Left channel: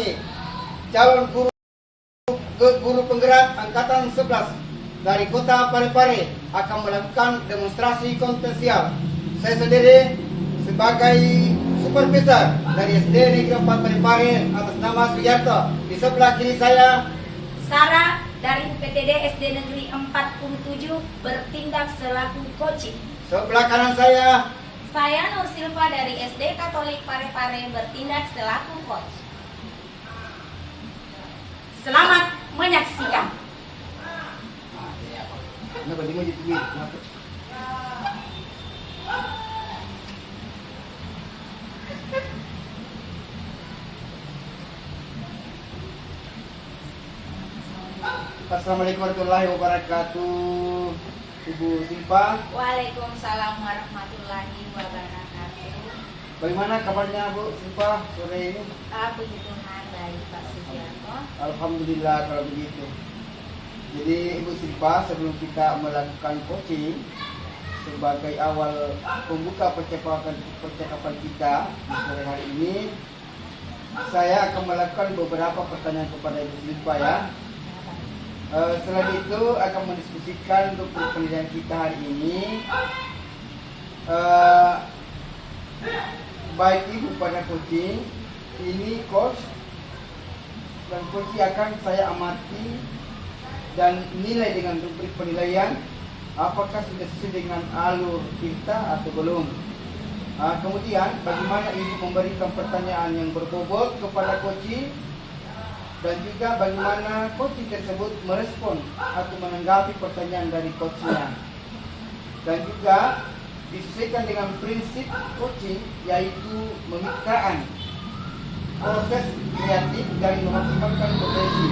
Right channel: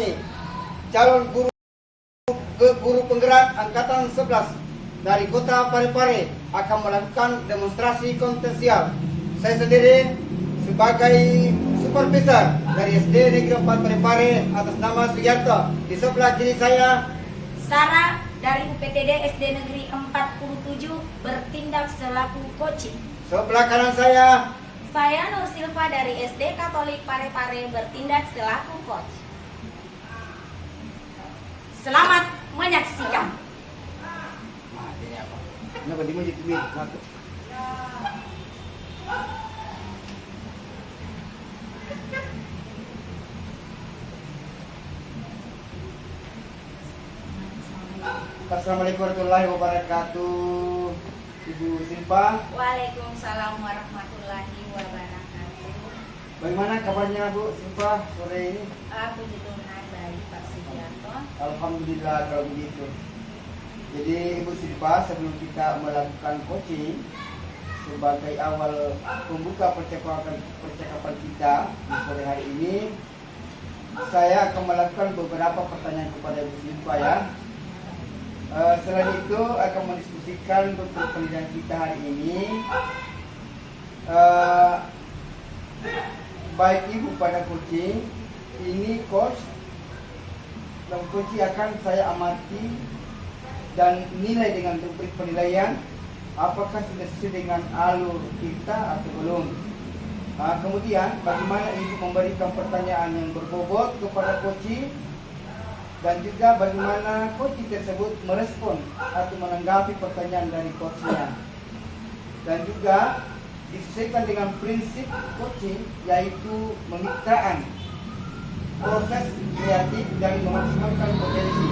kami, calon guru penggerak Angkatan 11 dari Kota Parepare akan melakukan demonstrasi kompetensial. Saya sendiri sebagai supervisor dari SD Negeri 4 Parepare atas nama Suyarto. Di sebelah kiri saya Sarah dari UPTD SD Negeri 47 bertindak selaku coaching. sebelah kanan saya Saya Nur Silva dari SD Katolik Parepare bertindak selaku coach. Selamat menyaksikan. Kenapa dia maju tuh? Assalamualaikum warahmatullahi wabarakatuh. Ibu Silva, Waalaikumsalam warahmatullahi wabarakatuh. bagaimana kabarnya Bu Silva sore ini? Puji Tuhan baik Pak Sugiarto. Alhamdulillah kalau begitu. Jadi Ibu Silva, sebelum kita melakukan coaching sebagai awal pembuka percakapan kita di sore hari ini, saya akan melakukan beberapa pertanyaan kepada Ibu Silva ya. Selain itu akan mendiskusikan untuk pendidikan kita hari ini. Baik Ibu pada coaching, ini coach dan coaching akan saya amati dan nilai dengan rubrik penilaian apakah sudah sesuai dengan alur kita atau belum. Kemudian bagaimana Ibu memberikan pertanyaan yang berbobot kepada coaching dan juga bagaimana coaching tersebut merespon atau menanggapi pertanyaan dari coachnya, dan juga disesuaikan dengan prinsip coaching yaitu memitraan, proses kreatif dan memaksimalkan potensi.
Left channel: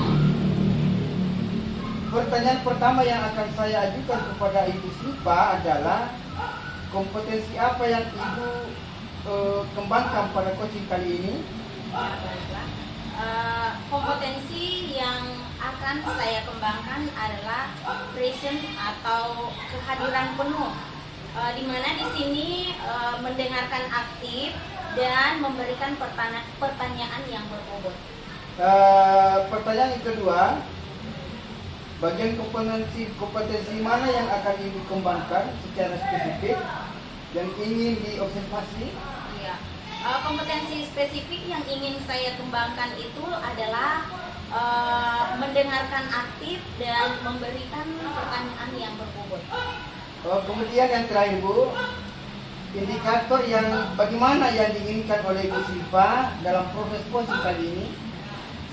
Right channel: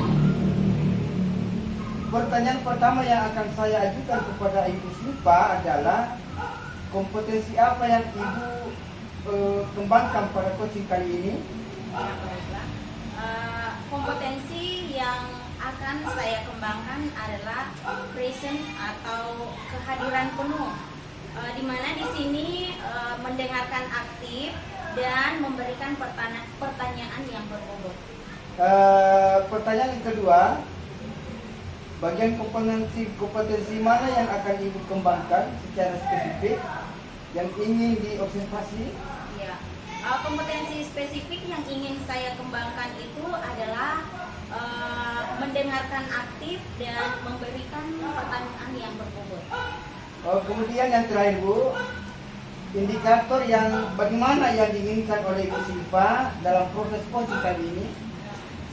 Pertanyaan pertama yang akan saya ajukan kepada Ibu Silva adalah kompetensi apa yang Ibu kembangkan pada coaching kali ini? Ya, baiklah. Kompetensi yang akan saya kembangkan adalah present atau kehadiran penuh, di mana di sini mendengarkan aktif dan memberikan pertanyaan yang berbobot. Pertanyaan yang kedua, bagian kompetensi mana yang akan Ibu kembangkan secara spesifik yang ingin diobservasi? Ya. Kompetensi spesifik yang ingin saya kembangkan itu adalah mendengarkan aktif dan memberikan pertanyaan yang berbobot. Kemudian yang terakhir Bu, indikator yang bagaimana yang diinginkan oleh Ibu Silva dalam proses coaching kali ini?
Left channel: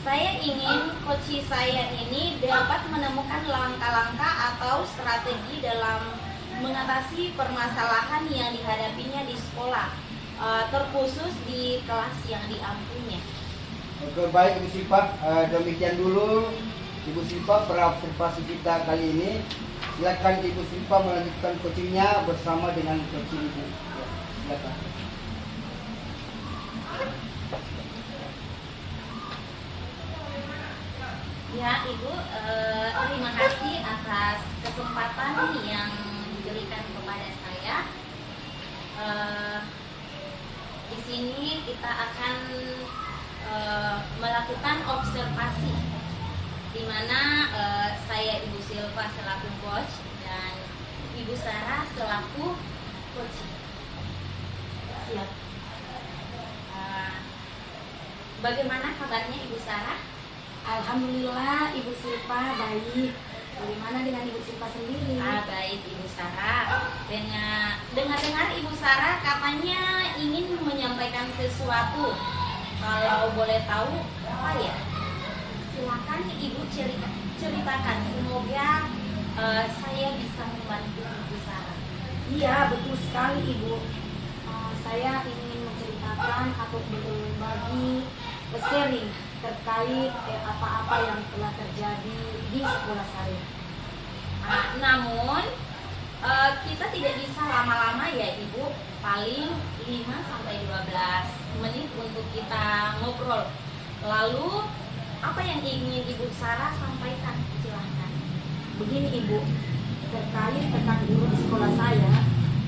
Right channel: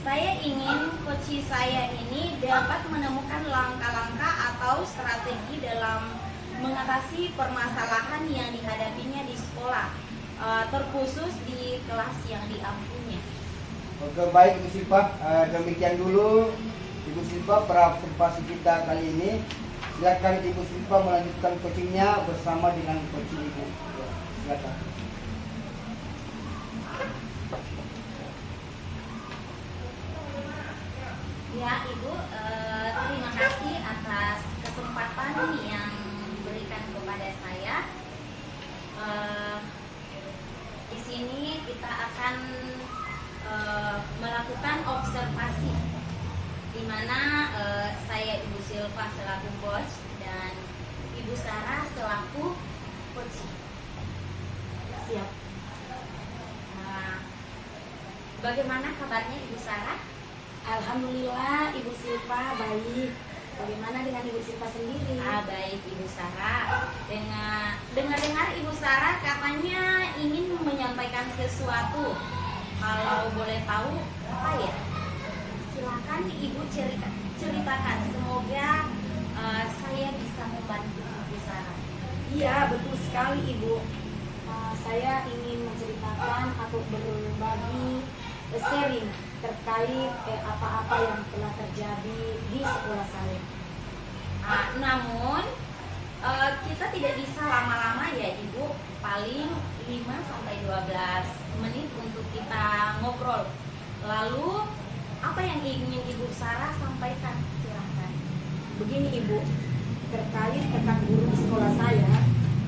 Saya ingin coach saya ini dapat menemukan langkah-langkah atau strategi dalam mengatasi permasalahan yang dihadapinya di sekolah, terkhusus di kelas yang diampunya. Oke, baik Ibu Silva, demikian dulu Ibu Silva observasi kita kali ini. Silakan Ibu Silva melanjutkan coachingnya bersama dengan coaching Ibu. Silakan. Ya Ibu, terima kasih atas kesempatan yang diberikan kepada saya. Di sini kita akan melakukan observasi, di mana saya Ibu Silva selaku coach dan Ibu Sarah selaku coach. Siap. Bagaimana kabarnya Ibu Sarah? Alhamdulillah Ibu Silva baik. Bagaimana dengan Ibu Silva sendiri? Baik Ibu Sarah. Dengar-dengar Ibu Sarah katanya ingin menyampaikan sesuatu. Kalau boleh tahu apa ya? Silakan Ibu ceritakan. Semoga saya bisa membantu Ibu Sarah. Iya betul sekali Ibu. Saya ingin menceritakan atau berbagi sharing terkait apa-apa yang telah terjadi di sekolah saya. Namun kita tidak bisa lama-lama ya Ibu, paling 5-12 menit untuk kita ngobrol. Lalu apa yang ingin Ibu Sarah sampaikan? Silahkan. Begini Ibu, terkait tentang guru di sekolah saya,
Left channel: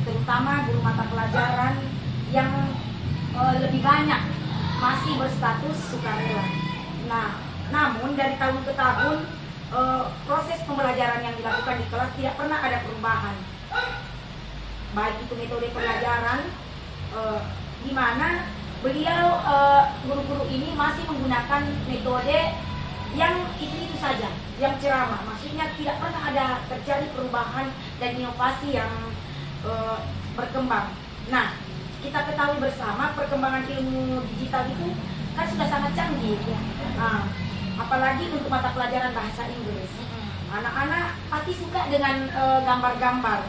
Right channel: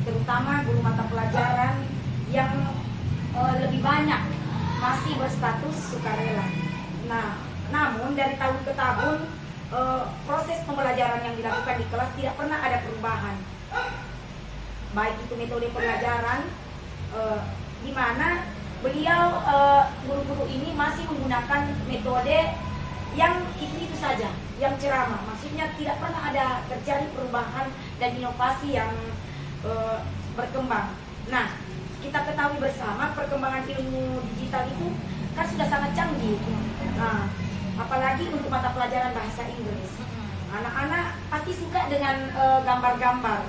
terutama guru mata pelajaran yang lebih banyak masih berstatus sukarela. dari tahun ke tahun proses pembelajaran yang dilakukan di kelas tidak pernah ada perubahan. Baik itu metode pelajaran di mana beliau guru-guru ini masih menggunakan metode yang itu saja, yang ceramah. Maksudnya tidak pernah ada terjadi perubahan dan inovasi yang berkembang. Nah, kita ketahui bersama perkembangan ilmu digital itu kan sudah sangat canggih. Nah, apalagi untuk mata pelajaran bahasa Inggris. Anak-anak pasti suka dengan gambar-gambar,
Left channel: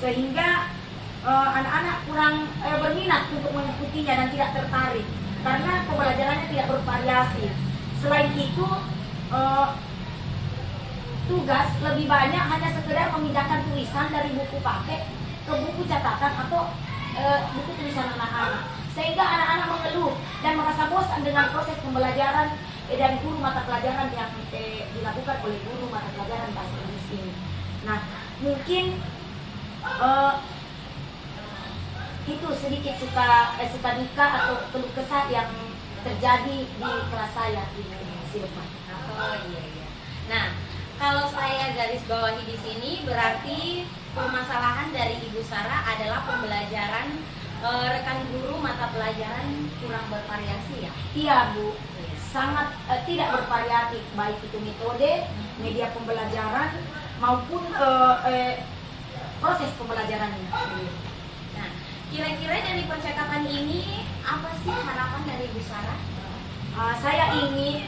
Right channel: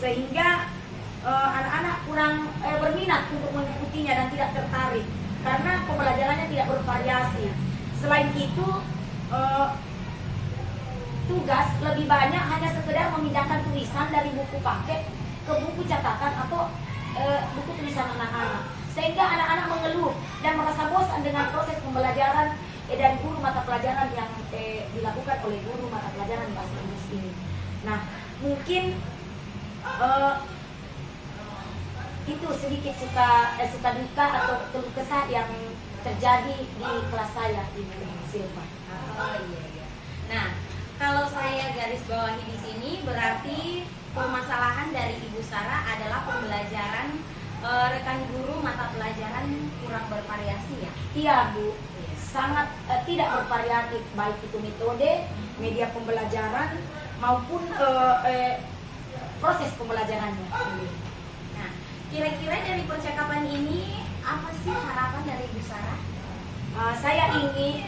sehingga anak-anak kurang berminat untuk mengikutinya dan tidak tertarik karena pembelajarannya tidak bervariasi. Selain itu, tugas lebih banyak hanya sekedar memindahkan tulisan dari buku paket ke buku catatan atau buku tulisan anak-anak, sehingga anak-anak mengeluh dan merasa bosan dengan proses pembelajaran dari guru mata pelajaran yang dilakukan oleh guru mata pelajaran bahasa Inggris ini. Nah, mungkin itu sedikit suka duka atau keluh kesah yang terjadi di kelas saya di Silva. Oh iya. Nah, kalau saya garis bawahi di sini berarti permasalahan dari Ibu Sarah adalah pembelajaran rekan guru mata pelajaran kurang bervariasi ya? Iya Bu, sangat tidak bervariatif baik itu metode, media pembelajaran maupun proses pembelajarannya. Nah, kira-kira dari percakapan ini apa sih harapan dari Ibu Sarah? Saya ingin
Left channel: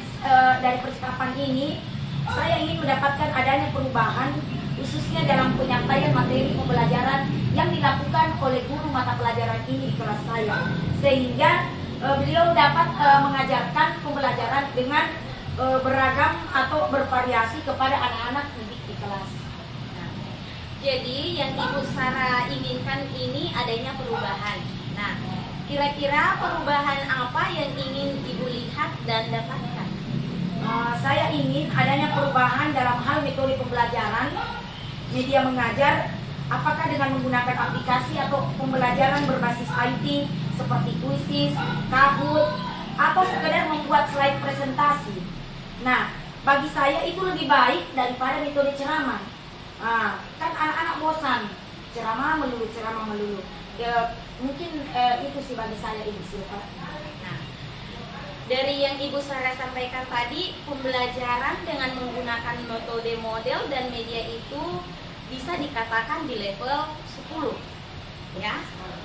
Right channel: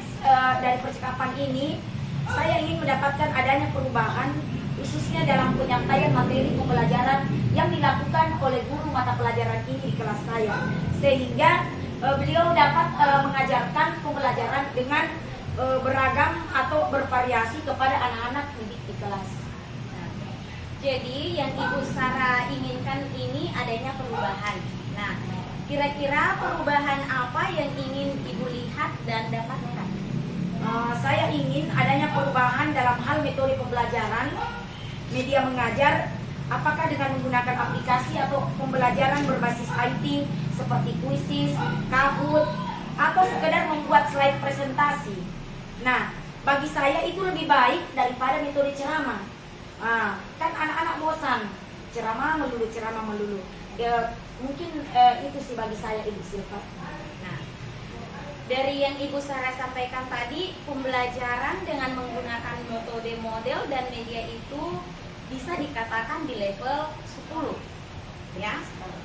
dari percakapan ini saya ingin mendapatkan adanya perubahan khususnya dalam penyampaian materi pembelajaran yang dilakukan oleh guru mata pelajaran ini di kelas saya, sehingga beliau dapat mengajarkan pembelajaran dengan beragam atau bervariasi kepada anak-anak didik di kelas. Jadi yang Ibu Sarah inginkan ini adanya perubahan. Nah, kira-kira perubahan apa yang ingin Ibu lihat dan dapatkan? Saya ingin adanya perubahan dalam hal metode pembelajaran, media mengajar, apakah dengan menggunakan aplikasi atau pembelajaran berbasis IT seperti Quizizz, Kahoot, atau sekedar membuat slide presentasi. Nah, bagi saya itu lebih baik daripada metode ceramah. Kan anak-anak bosan ceramah melulu. Mungkin itu sih bagi saya Ibu Silva. Nah, dari yang Ibu Sarah sampaikan tadi, pembelajaran dengan menggunakan metode model dan media itu bisa dikatakan di level 10 ya.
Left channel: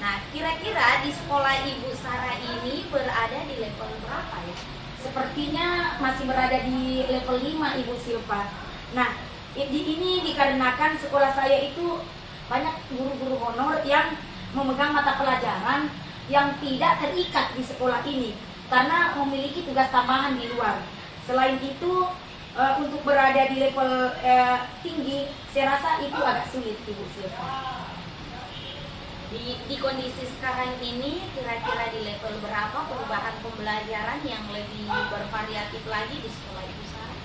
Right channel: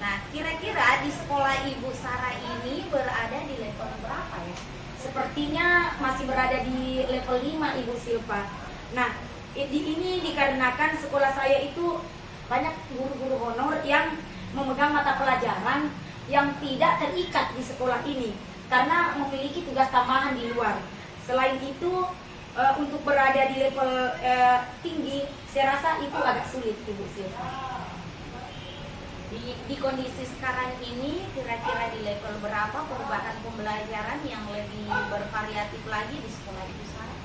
Nah, kira-kira di sekolah Ibu Sarah ini berada di level berapa ya? Sepertinya masih berada di level 5 Ibu Silva. Nah, ini dikarenakan sekolah saya itu banyak guru-guru honor yang memegang mata pelajaran yang tidak terikat di sekolah ini karena memiliki tugas tambahan di luar. Selain itu, untuk berada di level tinggi, saya rasa itu agak sulit Ibu Silva. Di kondisi sekarang ini, kira-kira di level berapa perubahan pembelajaran yang lebih bervariatif lagi di sekolah Ibu Sarah?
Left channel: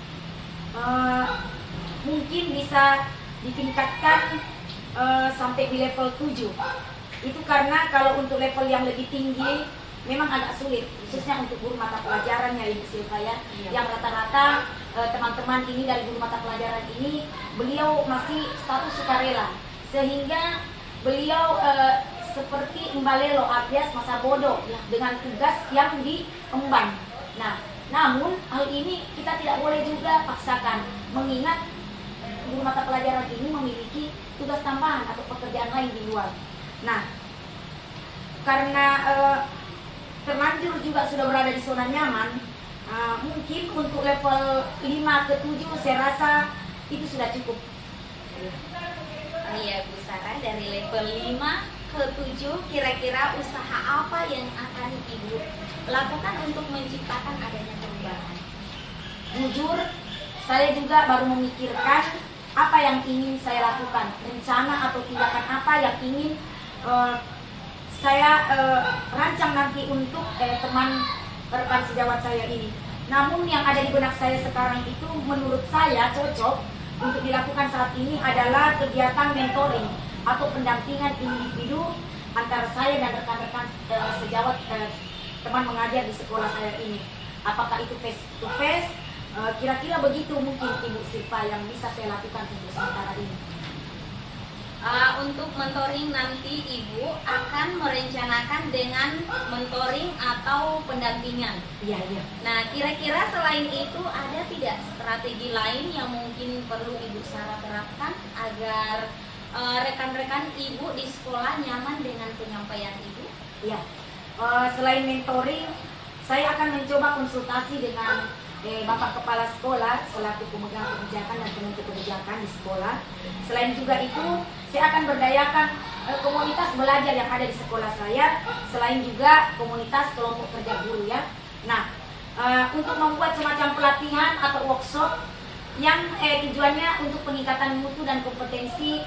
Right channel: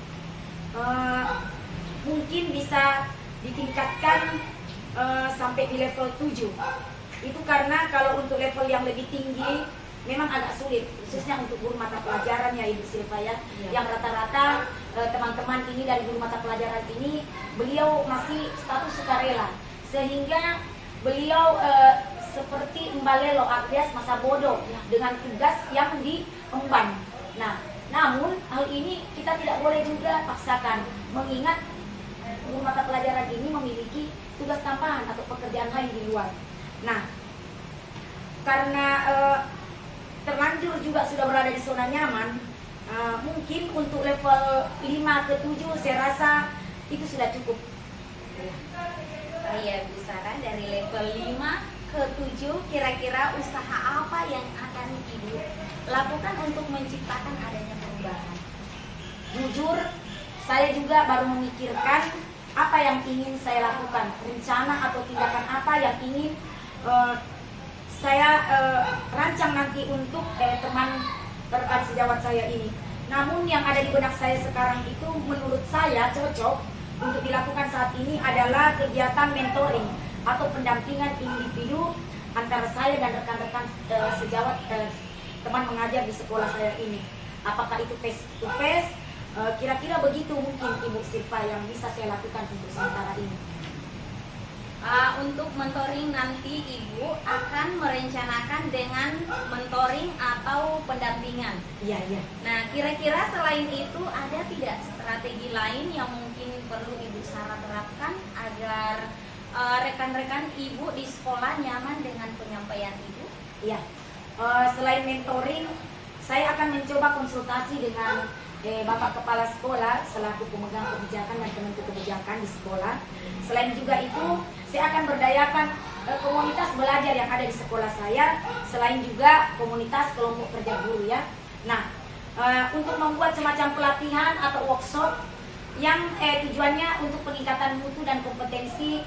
Mungkin bisa ditingkatkan sampai di level 7. Itu karena kalau untuk level yang lebih tinggi memang agak sulit, khususnya untuk guru mata pelajaran ya Ibu Silva ya. Yang rata-rata teman-teman ini dari guru mata pelajaran ini beliau masih status sukarela, sehingga beliau seperti mbalelo alias masa bodoh ya, dengan tugas yang diemban. Nah, namun hal ini kita tidak boleh juga paksakan, mengingat guru mata pelajaran ini memiliki tugas tambahan atau pekerjaan lain di luar. Nah, karena terlanjur juga sudah berada di zona nyaman, mungkin untuk level 5 ke 7 saya rasa itu sudah cukup. Iya Bu Sarah, dari level 5 ke 7 kira-kira usaha apa yang akan Ibu lakukan untuk menciptakan adanya perubahan? Jujur, saya juga baru memikirkan apa yang ingin saya lakukan, rencana atau tindakan apa yang ingin saya rancang nanti untuk teman rekan sejawat saya ini. Namun yang ada di benak saya sekarang itu menurut saya cocok untuk dilakukan saat ini adalah kegiatan mentoring atau pendampingan individu antara saya dan rekan-rekan sejawat teman mengajar di sekolah saya ini. Apakah itu face to face Kira-kira begitu mungkin Ibu Silva yang bisa saya lakukan untuk sementara ini. Untuk mentoring nanti Ibu akan merencanakan dengan mentoring atau pendampingan. Iya, iya. Nah, kira-kira selain itu ada tidak strategi lain yang mungkin perlu Ibu Sarah terapkan agar rekan-rekan Ibu di sekolah nyaman dengan penyampaian Ibu? Iya. Selain mentoring, saya akan mencoba konsultasi dengan Bapak Kepala Sekolah selaku pemegang kebijakan dan penentu kebijakan di sekolah. Selain juga itu, saya akan berdayakan komunitas belajar yang ada di sekolah saya, selain juga komunitas kelompok kerja guru ya. Nah, untuk membuat semacam pelatihan atau workshop yang tujuannya untuk peningkatan mutu dan kompetensi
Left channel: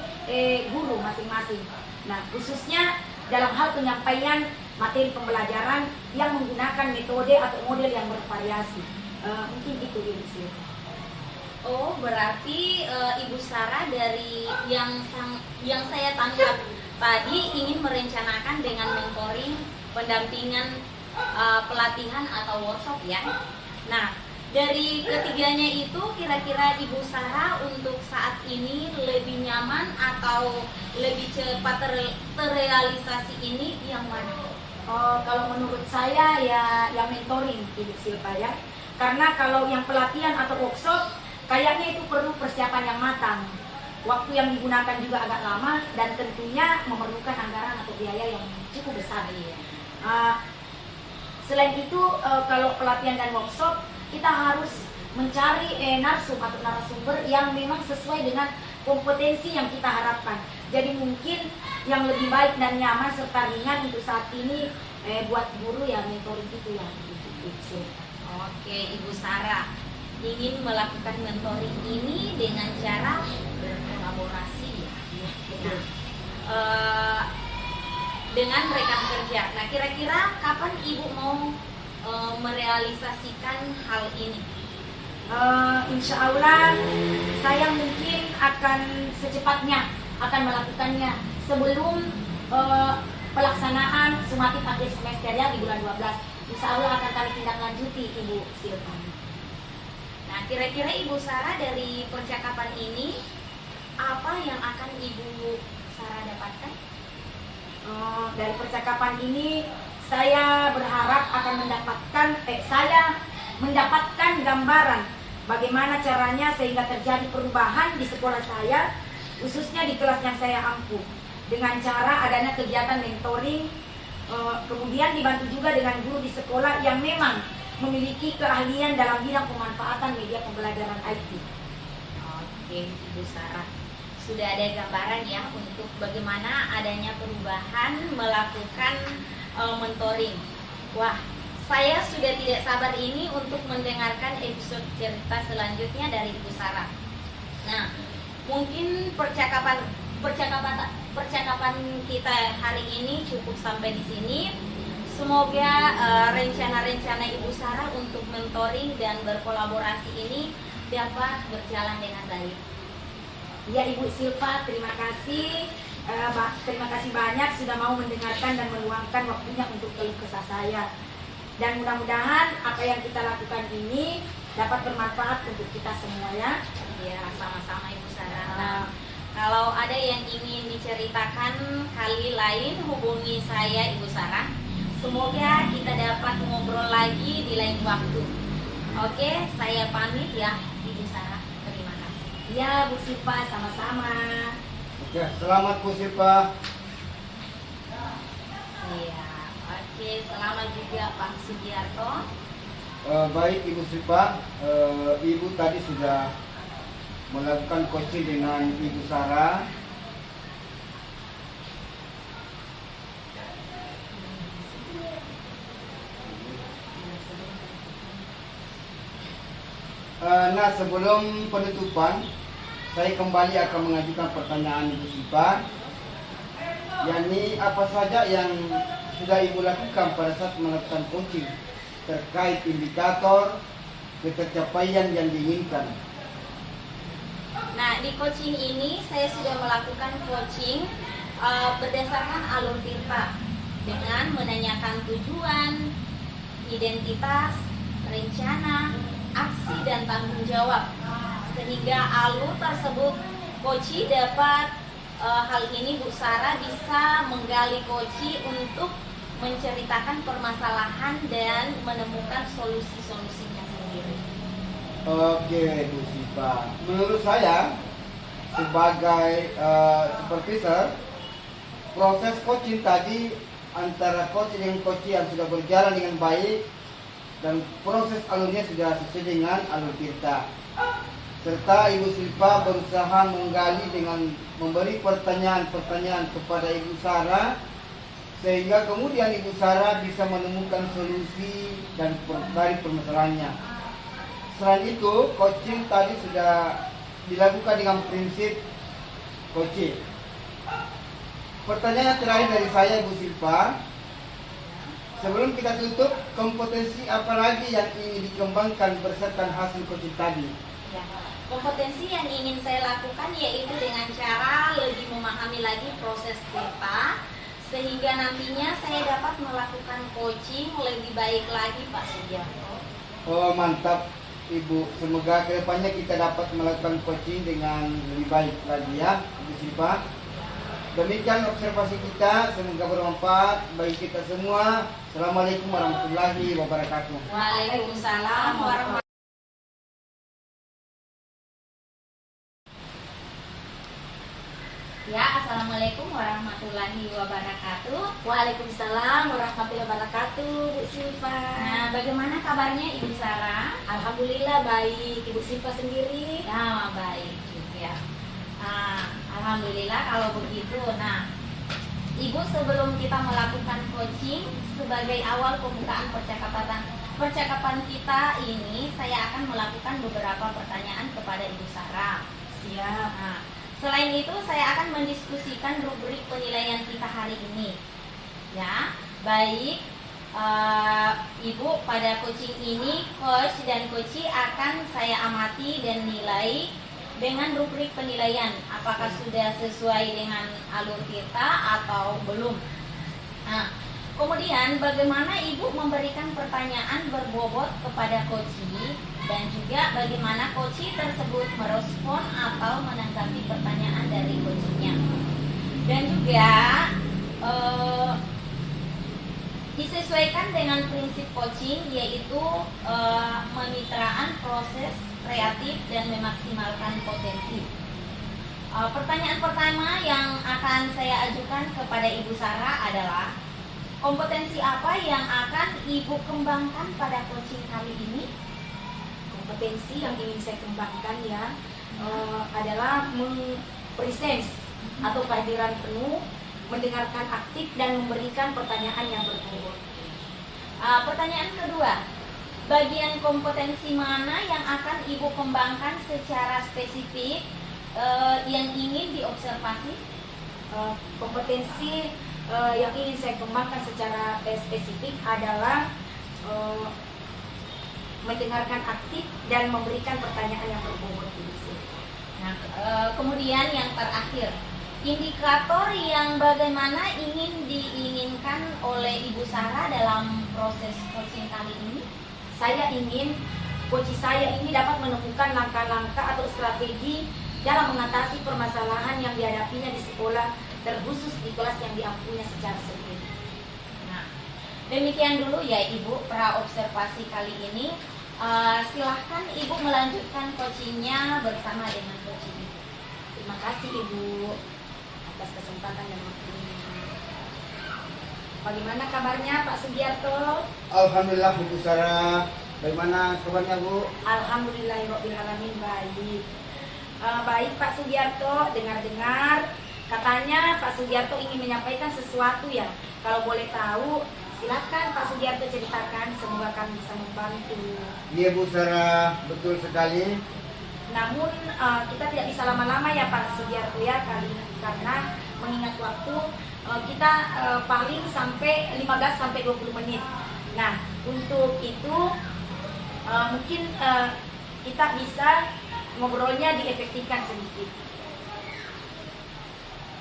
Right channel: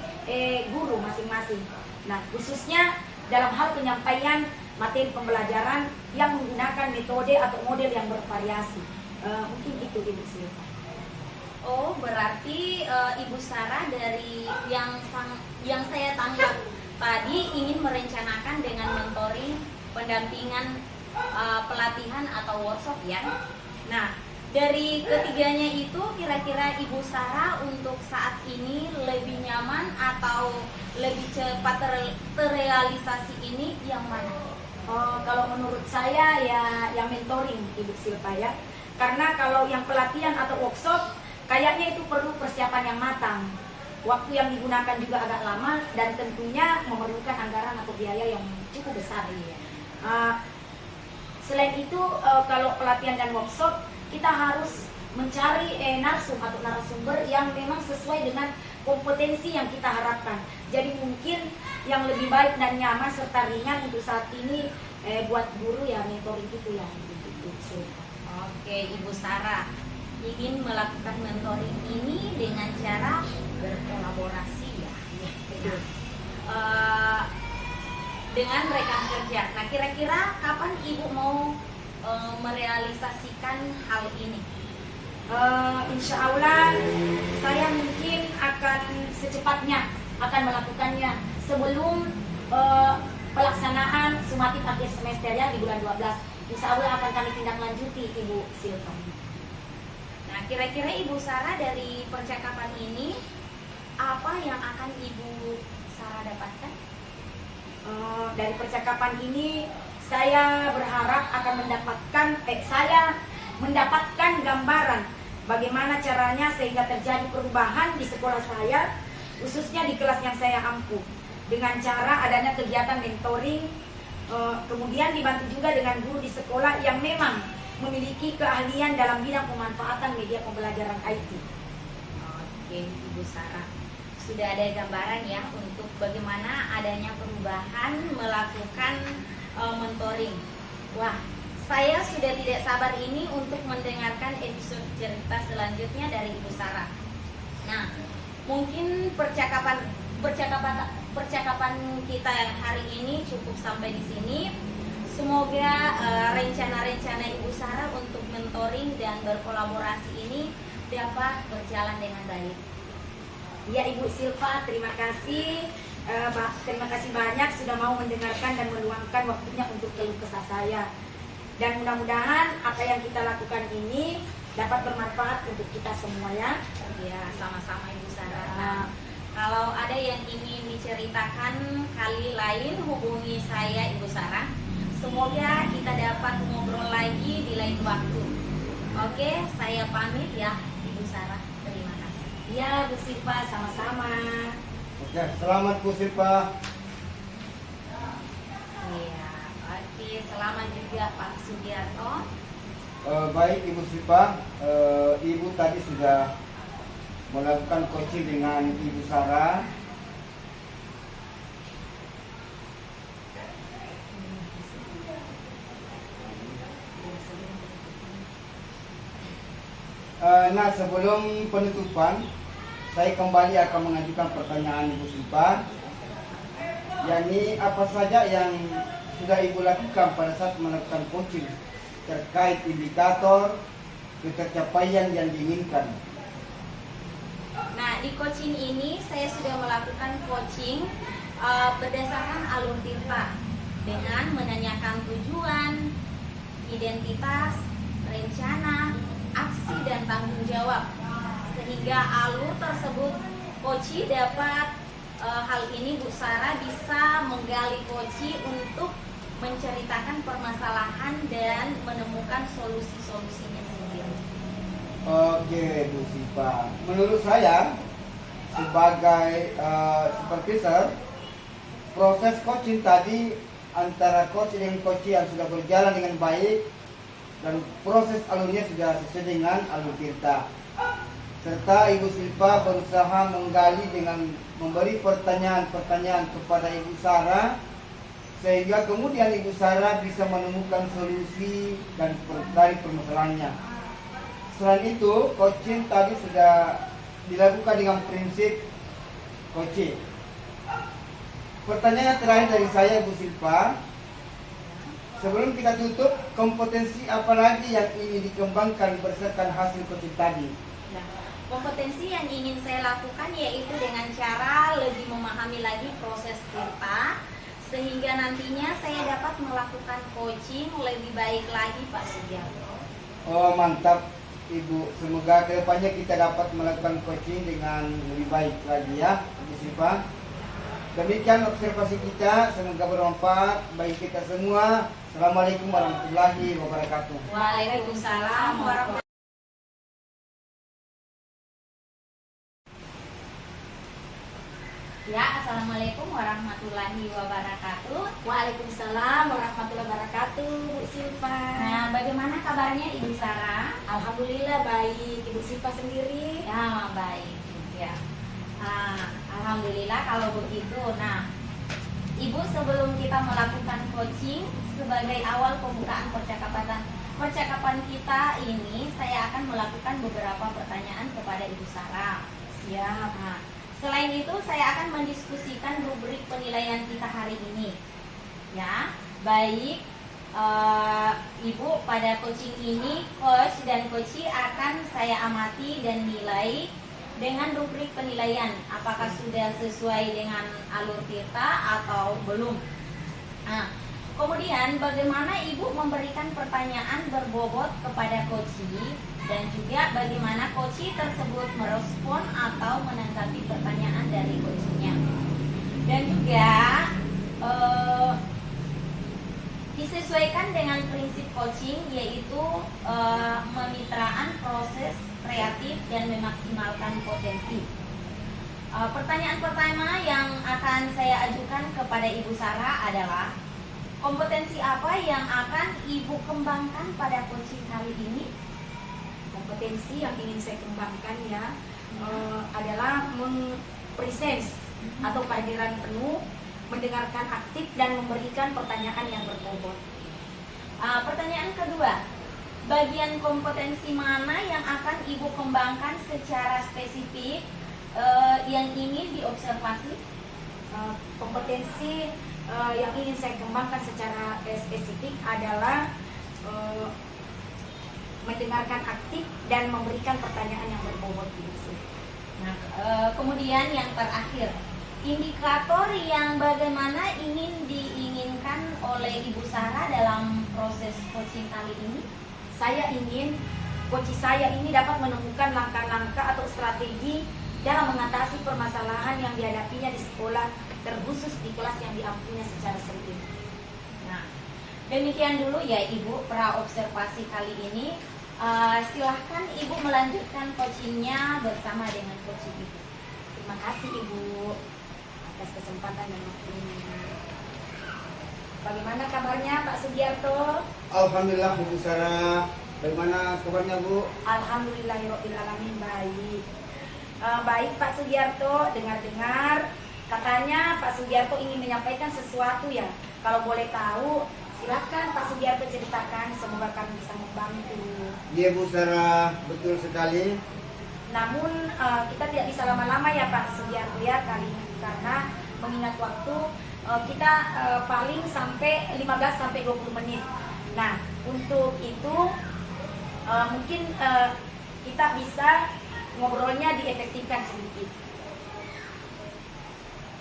guru masing-masing. Nah, khususnya dalam hal penyampaian materi pembelajaran yang menggunakan metode atau model yang bervariasi. Mungkin itu Ibu Silva. Oh, berarti Ibu Sarah dari yang saya tangkap tadi ingin merencanakan dengan mentoring, pendampingan, pelatihan atau workshop ya. Nah, dari ketiganya itu kira-kira Ibu Sarah untuk saat ini lebih nyaman atau lebih cepat terrealisasi ini yang mana? Kalau menurut saya ya yang mentoring Ibu Silva ya. Karena kalau yang pelatihan atau workshop kayaknya itu perlu persiapan yang matang. Waktu yang digunakan juga agak lama dan tentunya memerlukan anggaran atau biaya yang cukup besar. Selain itu kalau pelatihan dan workshop kita harus mencari narsum atau narasumber yang memang sesuai dengan kompetensi yang kita harapkan. Jadi mungkin yang lebih baik dan nyaman serta ringan untuk saat ini buat guru ya mentoring itu ya. Oke, Ibu Sarah ingin melakukan mentoring ini dengan cara berkolaborasi ya dengan rekan kerja. Nah, kira-kira kapan Ibu mau merealisasikan hal ini? Insya Allah saya mungkin akan secepatnya akan melakukannya sebelum pelaksanaan sumatif akhir semester ya di bulan 12. Insya Allah akan kami tindak lanjuti Ibu Silva. Nah, kira-kira Ibu Sarah dari percakapan ini apa yang akan Ibu Sarah dapatkan? Dari percakapan ini saya berharap akan mendapatkan gambaran bagaimana caranya sehingga terjadi perubahan di sekolah saya, khususnya di kelas yang saya ampuh, dengan cara adanya kegiatan mentoring. Kemudian dibantu juga dengan guru di sekolah yang memang memiliki keahlian dalam bidang pemanfaatan media pembelajaran IT. Oke, Ibu Sarah, sudah ada gambaran ya untuk bagaimana adanya perubahan melakukan mentoring. Wah, saya sudah tidak sabar ini untuk mendengarkan episode cerita selanjutnya dari Ibu Sarah. Nah, mungkin percakapan kita hari ini cukup sampai di sini. Semoga rencana-rencana Ibu Sarah untuk mentoring dan berkolaborasi ini dapat berjalan dengan baik. Ya Ibu Silva, terima kasih. Terima kasih banyak sudah mau mendengarkan dan meluangkan waktunya untuk keluh kesah saya. Dan mudah-mudahan apa yang kita lakukan ini dapat bermanfaat untuk kita semua ya. Ya, sama-sama Ibu Sarah. Nah, kalau ada yang ingin diceritakan kali lain hubungi saya Ibu Sarah. Semoga kita dapat ngobrol lagi di lain waktu. Oke, saya pamit ya Ibu Sarah. Terima kasih. Ya Bu Silva, sama-sama. Oke, selamat Bu Silva. Iya, oke, selamat juga Pak Sugiarto. Baik Ibu Silva, Ibu tadi sudah melakukan coaching dengan Ibu Sarah. Nah, sebelum penutupan, saya kembali akan mengajukan pertanyaan Ibu Silva, yakni apa saja yang sudah Ibu lakukan pada saat melakukan coaching terkait indikator pencapaian yang diinginkan. Nah, di coaching ini saya sudah melakukan coaching berdasarkan alur Tirta dengan menanyakan tujuan, identitas, rencana, aksi dan tanggung jawab, sehingga alur tersebut Koci dapat hal ini Bu Sarah bisa menggali Koci untuk menceritakan permasalahan dan menemukan solusi-solusinya sendiri. Oke Bu Siva, menurut saya sebagai supervisor, proses coaching tadi antara coach dengan coach yang sudah berjalan dengan baik dan proses alurnya sudah sesuai dengan alur Tirta. Serta Ibu Silva berusaha menggali dengan memberi pertanyaan-pertanyaan kepada Ibu Sarah, sehingga kemudian Ibu Sarah bisa menemukan solusi dan dari permasalahannya. Selain itu, coaching tadi sudah dilakukan dengan prinsip coaching. Pertanyaan terakhir dari saya Bu Silva, sebelum kita tutup, kompetensi apa lagi yang ingin dikembangkan berdasarkan hasil coaching tadi? Ya, kompetensi yang ingin saya lakukan yaitu dengan cara lebih memahami lagi proses Tirta, sehingga nantinya saya dapat melakukan coaching lebih baik lagi Pak Sugiarto. Oh mantap Ibu, semoga kedepannya kita dapat melakukan coaching dengan lebih baik lagi ya Bu Silva. Demikian observasi kita, semoga bermanfaat bagi kita semua. Assalamualaikum warahmatullahi wabarakatuh. Waalaikumsalam warahmatullahi. Ya, assalamualaikum warahmatullahi wabarakatuh. Waalaikumsalam warahmatullahi wabarakatuh, Bu Silva. Nah, bagaimana kabarnya Ibu Sarah? Alhamdulillah baik. Ibu Silva sendiri? Ya, baik. Ya. Alhamdulillah kalau begitu. Nah, Ibu, sebelum kita melakukan coaching, sebagai awal pembukaan percakapan kita ini, saya akan melakukan beberapa pertanyaan kepada Ibu Sarah. Siap. Nah, selain itu, saya akan mendiskusikan rubrik penilaian kita hari ini. Ya, baik. Ibu, pada coaching ini, coach dan coachee akan saya amati dan nilai dengan rubrik penilaian, apakah sudah sesuai dengan alur kita atau belum. Nah, kemudian bagaimana Ibu memberikan pertanyaan berbobot kepada coachee dan juga bagaimana coachee tersebut merespon atau menanggapi pertanyaan dari coachee-nya. Dan juga disesuaikan dengan prinsip coaching, yaitu kemitraan proses kreatif dan memaksimalkan potensi. Pertanyaan pertama yang akan saya ajukan kepada Ibu Sarah adalah, kompetensi apa yang akan Ibu kembangkan pada coaching kali ini? Kompetensi yang ingin saya kembangkan ya adalah presence atau kehadiran penuh, mendengarkan aktif dan memberikan pertanyaan yang berbobot. Pertanyaan kedua, bagian kompetensi mana yang akan Ibu kembangkan secara spesifik yang ingin diobservasi? Kompetensi yang ingin saya kembangkan secara spesifik adalah mendengarkan aktif dan memberikan pertanyaan yang berbobot. Nah, kemudian yang terakhir, indikator yang bagaimana ingin diinginkan oleh Ibu Sarah dalam proses coaching kali ini? Saya ingin coach saya ini dapat menemukan langkah-langkah atau strategi dalam mengatasi permasalahan yang dihadapinya di sekolah, terkhusus di kelas yang diampunya secara sempit. Nah, demikian dulu ya Ibu praobservasi kali ini. Silahkan Ibu melanjutkan coachingnya bersama dengan coach Ibu. Terima kasih Ibu atas kesempatan dan waktunya. Bagaimana kabarnya Pak Sugiarto? Alhamdulillah Bu Sarah. Bagaimana kabarnya Bu? Alhamdulillahirobbilalamin baik. Baik Pak Sugiarto, dengar-dengar katanya Pak Sugiarto ingin menyampaikan sesuatu ya. Kalau boleh tahu, silakan Pak Sugiarto ceritakan, semoga kami bisa membantu. Iya Bu Sarah, betul sekali. Namun kita tidak bisa lama-lama ya Pak Sugiarto ya, karena mengingat waktu kita paling sampai 15 sampai 20 menit. Nah, untuk itu mungkin kita bisa ngobrolnya diefektifkan sedikit.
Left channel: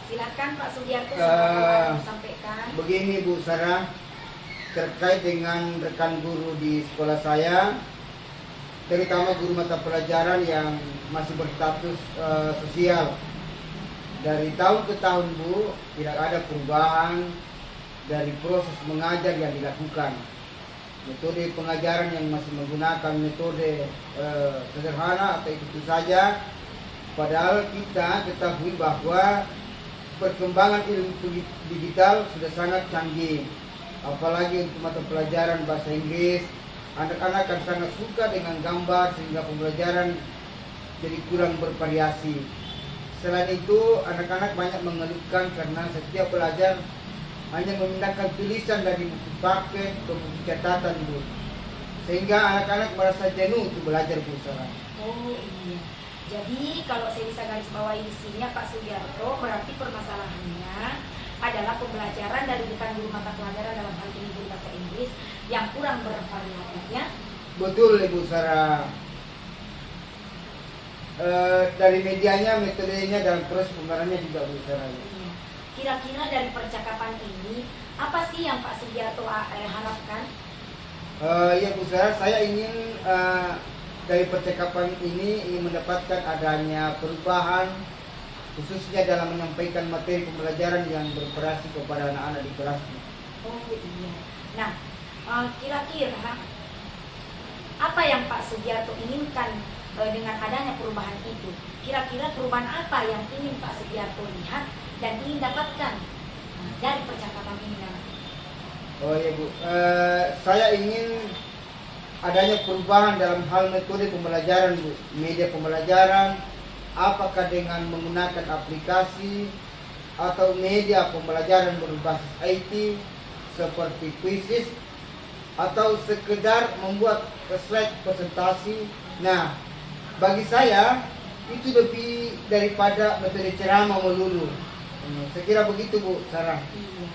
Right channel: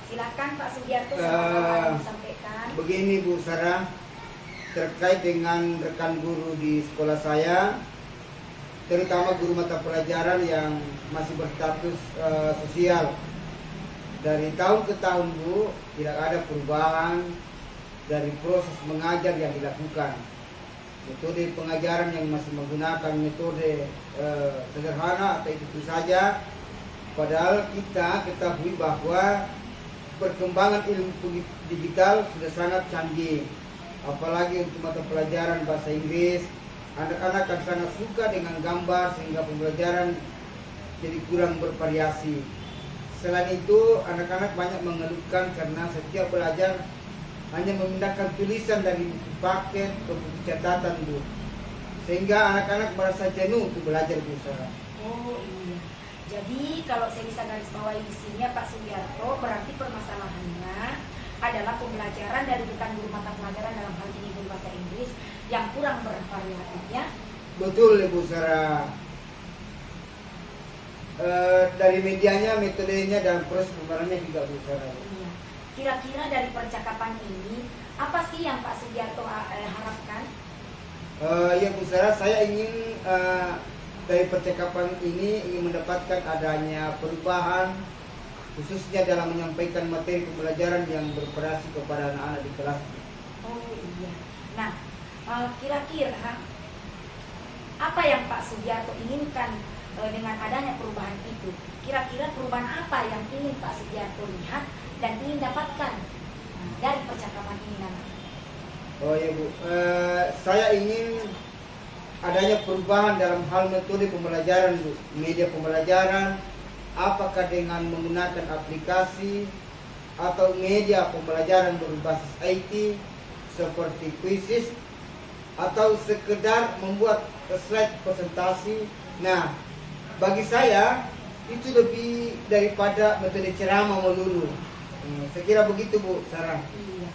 Silakan Pak Sugiarto, sampaikan. Begini Bu Sarah, terkait dengan rekan guru di sekolah saya, terutama guru mata pelajaran yang masih berstatus sosial. Dari tahun ke tahun Bu, tidak ada perubahan dari proses mengajar yang dilakukan. Metode pengajaran yang masih menggunakan metode sederhana atau itu saja. Padahal kita ketahui bahwa perkembangan ilmu digital sudah sangat canggih. Apalagi untuk mata pelajaran bahasa Inggris, anak-anak akan sangat suka dengan gambar sehingga pembelajaran jadi kurang bervariasi. Selain itu, anak-anak banyak mengeluhkan karena setiap belajar hanya memindahkan tulisan dari buku paket ke buku catatan Bu. Sehingga anak-anak merasa jenuh untuk belajar Bu Sarah. Oh iya. Jadi kalau saya bisa garis bawahi di sini Pak Sugiarto, berarti permasalahannya adalah pembelajaran dari rekan guru mata pelajaran dalam hal ini guru bahasa Inggris yang kurang bervariatif ya. Betul Ibu Sarah. Dari medianya, metodenya dan proses pembayarannya juga Bu Sarah. Iya. Kira-kira dari percakapan ini apa sih yang Pak Sugiarto harapkan? Ya Bu Sarah, saya ingin dari percakapan ini ingin mendapatkan adanya perubahan khususnya dalam menyampaikan materi pembelajaran yang bervariasi kepada anak-anak di kelas. Oh iya. Nah, kira-kira apa yang Pak Sugiarto inginkan dengan adanya perubahan itu? Kira-kira perubahan apa yang ingin Pak Sugiarto lihat dan ingin dapatkan dari percakapan ini nanti? Oh iya Bu, saya ingin adanya perubahan dalam hal metode pembelajaran Bu. Media pembelajaran, apakah dengan menggunakan aplikasi atau media pembelajaran berbasis IT seperti Quizizz atau sekedar membuat slide presentasi. Nah, bagi saya itu lebih daripada metode ceramah melulu. Saya kira begitu Bu Sarah. Iya.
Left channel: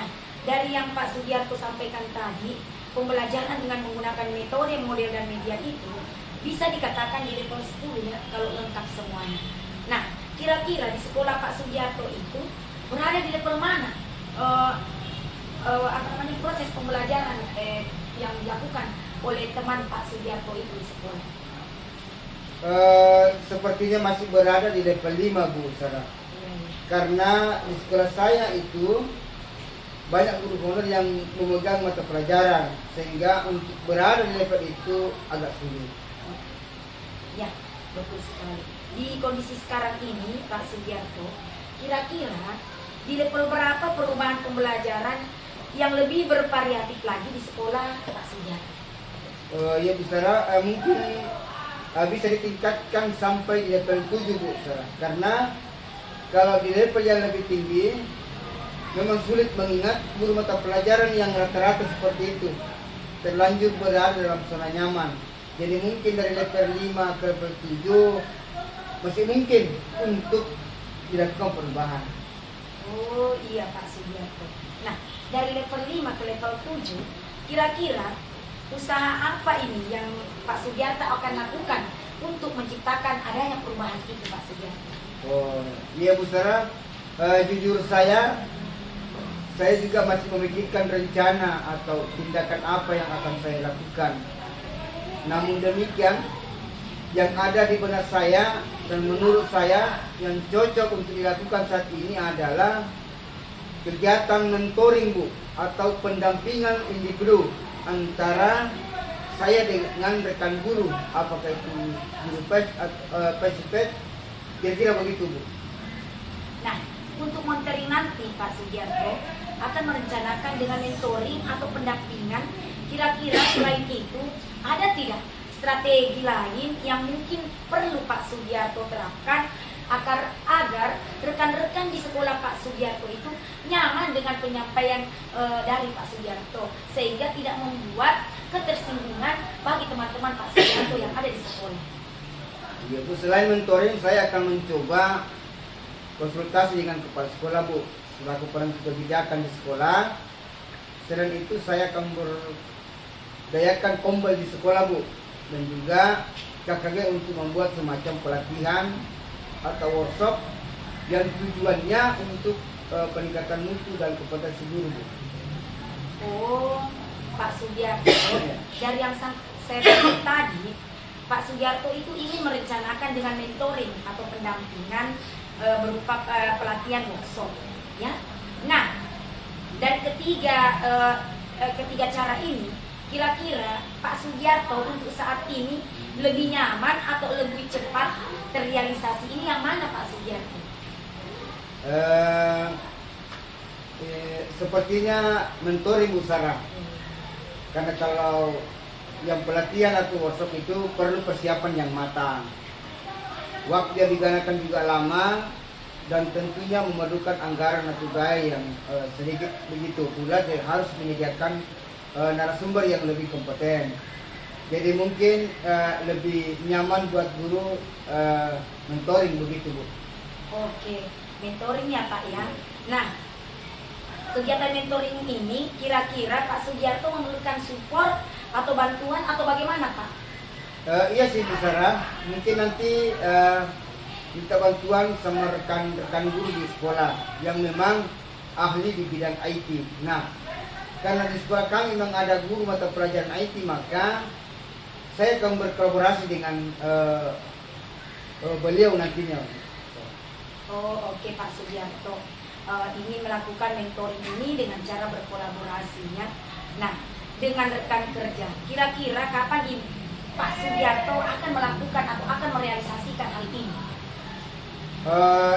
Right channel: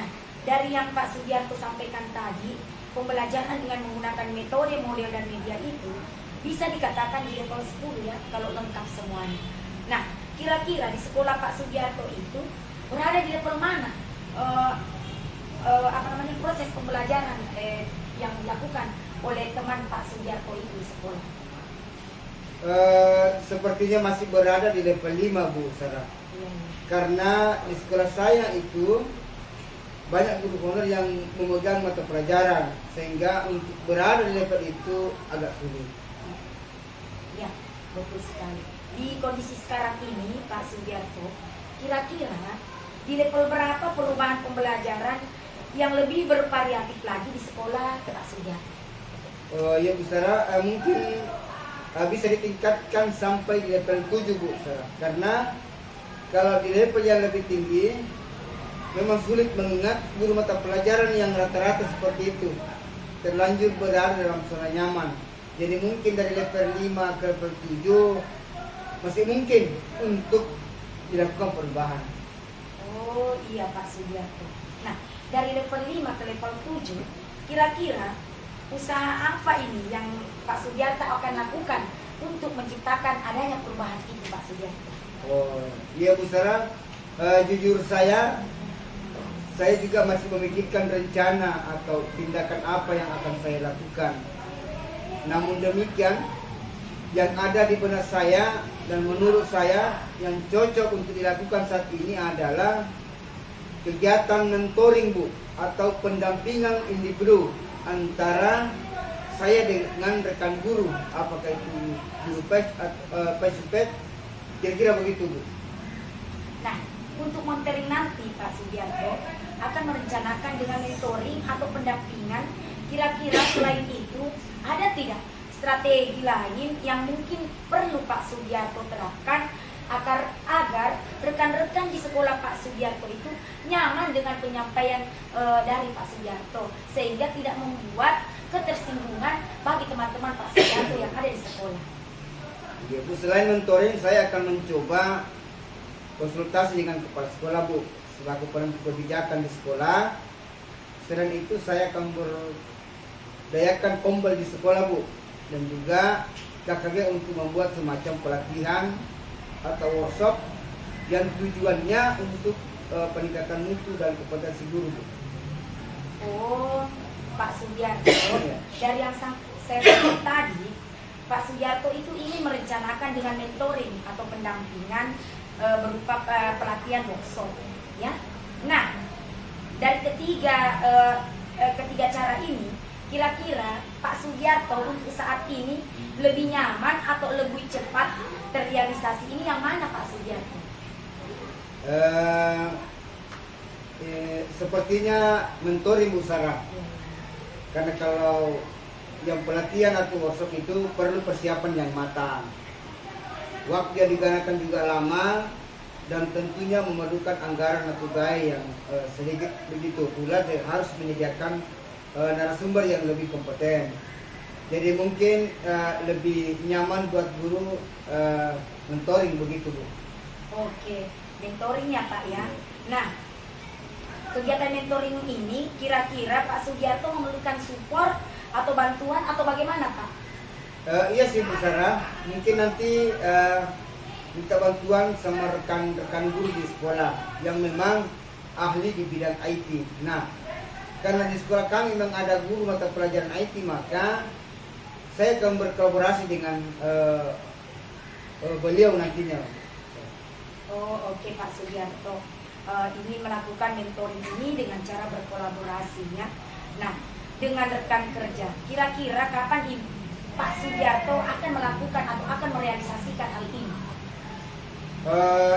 Nah, dari yang Pak Sugiarto sampaikan tadi, pembelajaran dengan menggunakan metode, model, dan media itu bisa dikatakan di level 10 ya, kalau lengkap semuanya. Nah, kira-kira di sekolah Pak Sugiarto itu berada di level mana? Proses pembelajaran yang dilakukan oleh teman Pak Sugiarto itu di sekolah? Sepertinya masih berada di level 5 Bu Sarah. Iya. Karena di sekolah saya itu banyak guru honorer yang memegang mata pelajaran, sehingga untuk berada di level itu agak sulit. Ya, betul sekali. Di kondisi sekarang ini Pak Sugiarto, kira-kira di level berapa perubahan pembelajaran yang lebih bervariatif lagi di sekolah Pak Sugiarto? Ya Bu Sarah, mungkin bisa ditingkatkan sampai di level 7 Bu Sarah. Karena kalau di level yang lebih tinggi memang sulit mengingat guru mata pelajaran yang rata-rata seperti itu, terlanjur berada dalam zona nyaman. Jadi mungkin dari level 5 ke level 7 masih mungkin untuk dilakukan perubahan. Oh iya Pak Sugiarto. Nah, dari level 5 ke level 7, kira-kira usaha apa ini yang Pak Sugiarto akan lakukan untuk menciptakan adanya perubahan itu Pak Sugiarto? Oh iya Bu Sarah, jujur saya juga masih memikirkan rencana atau tindakan apa yang akan saya lakukan. Namun demikian, yang ada di benak saya dan menurut saya yang cocok untuk dilakukan saat ini adalah kegiatan mentoring Bu, atau pendampingan individu antara saya dengan rekan guru, apakah itu guru PES, kira-kira begitu Bu. Nah, untuk mentoring nanti Pak Sugiarto akan merencanakan dengan mentoring atau pendampingan. Kira-kira selain itu ada tidak strategi lain yang mungkin perlu Pak Sugiarto terapkan agar rekan-rekan di sekolah Pak Sugiarto itu nyaman dengan penyampaian dari Pak Sugiarto, sehingga tidak membuat ketersinggungan bagi teman-teman Pak Sugiarto yang ada di sekolah? Ya Bu, selain mentoring saya akan mencoba konsultasi dengan kepala sekolah Bu, selaku penentu kebijakan di sekolah. Selain itu saya akan berdayakan kombel di sekolah Bu, dan juga KKG untuk membuat semacam pelatihan atau workshop yang tujuannya untuk peningkatan mutu dan kompetensi guru Bu. Oh Pak Sugiarto, dari yang saya sebut tadi, Pak Sugiarto itu ingin merencanakan dengan mentoring atau pendampingan berupa pelatihan workshop, ya. Nah, dari ketiga cara ini, kira-kira Pak Sugiarto untuk saat ini lebih nyaman atau lebih cepat terrealisasi, ini yang mana Pak Sugiarto? Sepertinya mentoring Bu Sarah. Karena kalau yang pelatihan atau workshop itu perlu persiapan yang matang. Waktu yang digunakan juga lama dan tentunya memerlukan anggaran atau biaya yang sedikit begitu. Pula dia harus menyediakan narasumber yang lebih kompeten. Jadi mungkin lebih nyaman buat guru mentoring begitu Bu. Oke, mentoring ya Pak ya. Nah, kegiatan mentoring ini kira-kira Pak Sugiarto memerlukan support atau bantuan atau bagaimana Pak? Iya sih Bu Sarah, mungkin nanti minta bantuan sama rekan-rekan guru di sekolah yang memang ahli di bidang IT. Nah, karena di sekolah kami memang ada guru mata pelajaran IT, maka saya akan berkolaborasi dengan beliau nantinya. Oh oke Pak Sugiarto, ingin melakukan mentoring ini dengan cara berkolaborasinya. Nah, dengan rekan kerja, kira-kira kapan Pak Sugiarto akan melakukan atau akan merealisasikan hal ini?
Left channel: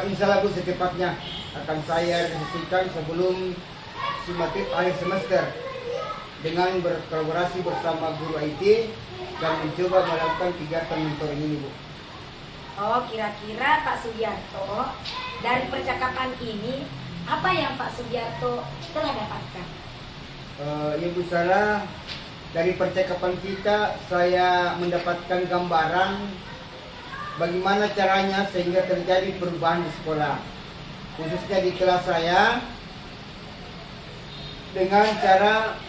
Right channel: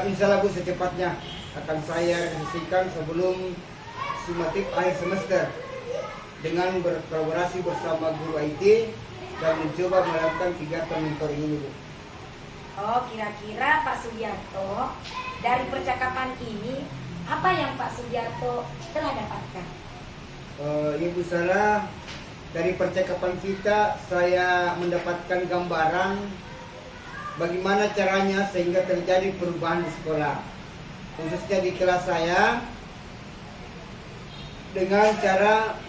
Insya Allah Bu, secepatnya akan saya realisasikan sebelum sumatif akhir semester dengan berkolaborasi bersama guru IT dan mencoba melakukan kegiatan mentoring ini Bu. Oh, kira-kira Pak Sugiarto dari percakapan ini apa yang Pak Sugiarto telah dapatkan? Ya Bu Sarah, dari percakapan kita saya mendapatkan gambaran bagaimana caranya sehingga terjadi perubahan di sekolah, khususnya di kelas saya, dengan cara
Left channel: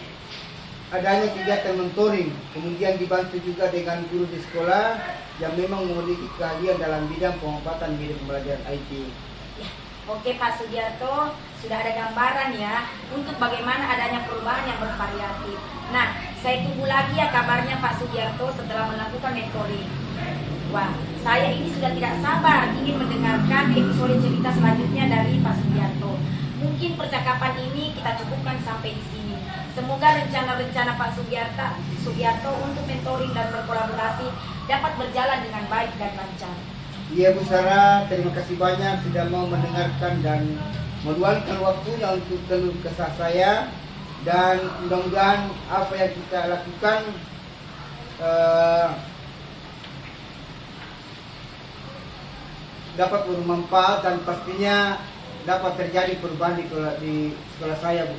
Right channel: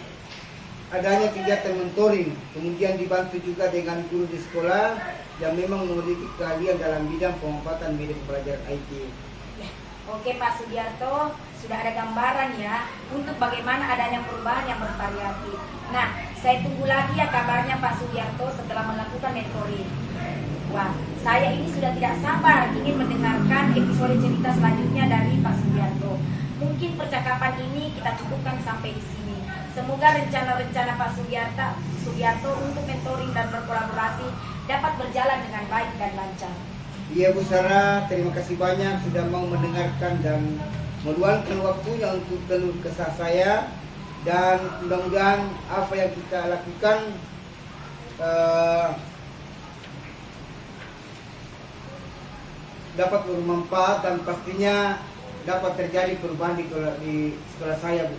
adanya kegiatan mentoring, kemudian dibantu juga dengan guru di sekolah yang memang memiliki keahlian dalam bidang pemanfaatan media pembelajaran IT. Ya, oke Pak Sugiarto, sudah ada gambaran ya untuk bagaimana adanya perubahan yang bervariatif. Nah, saya tunggu lagi ya kabarnya Pak Sugiarto setelah melakukan mentoring. Wah, saya ini sudah tidak sabar ingin mendengarkan episode cerita selanjutnya dari Pak Sugiarto. Mungkin percakapan ini kita cukupkan sampai di sini. Semoga rencana-rencana Pak Sugiarto untuk mentoring dan berkolaborasi dapat berjalan dengan baik dan lancar. Iya Bu Sarah, terima kasih banyak sudah mau mendengarkan dan meluangkan waktunya untuk keluh kesah saya, dan mudah-mudahan apa yang kita lakukan dapat bermanfaat dan pastinya dapat terjadi perubahan di sekolah saya Bu.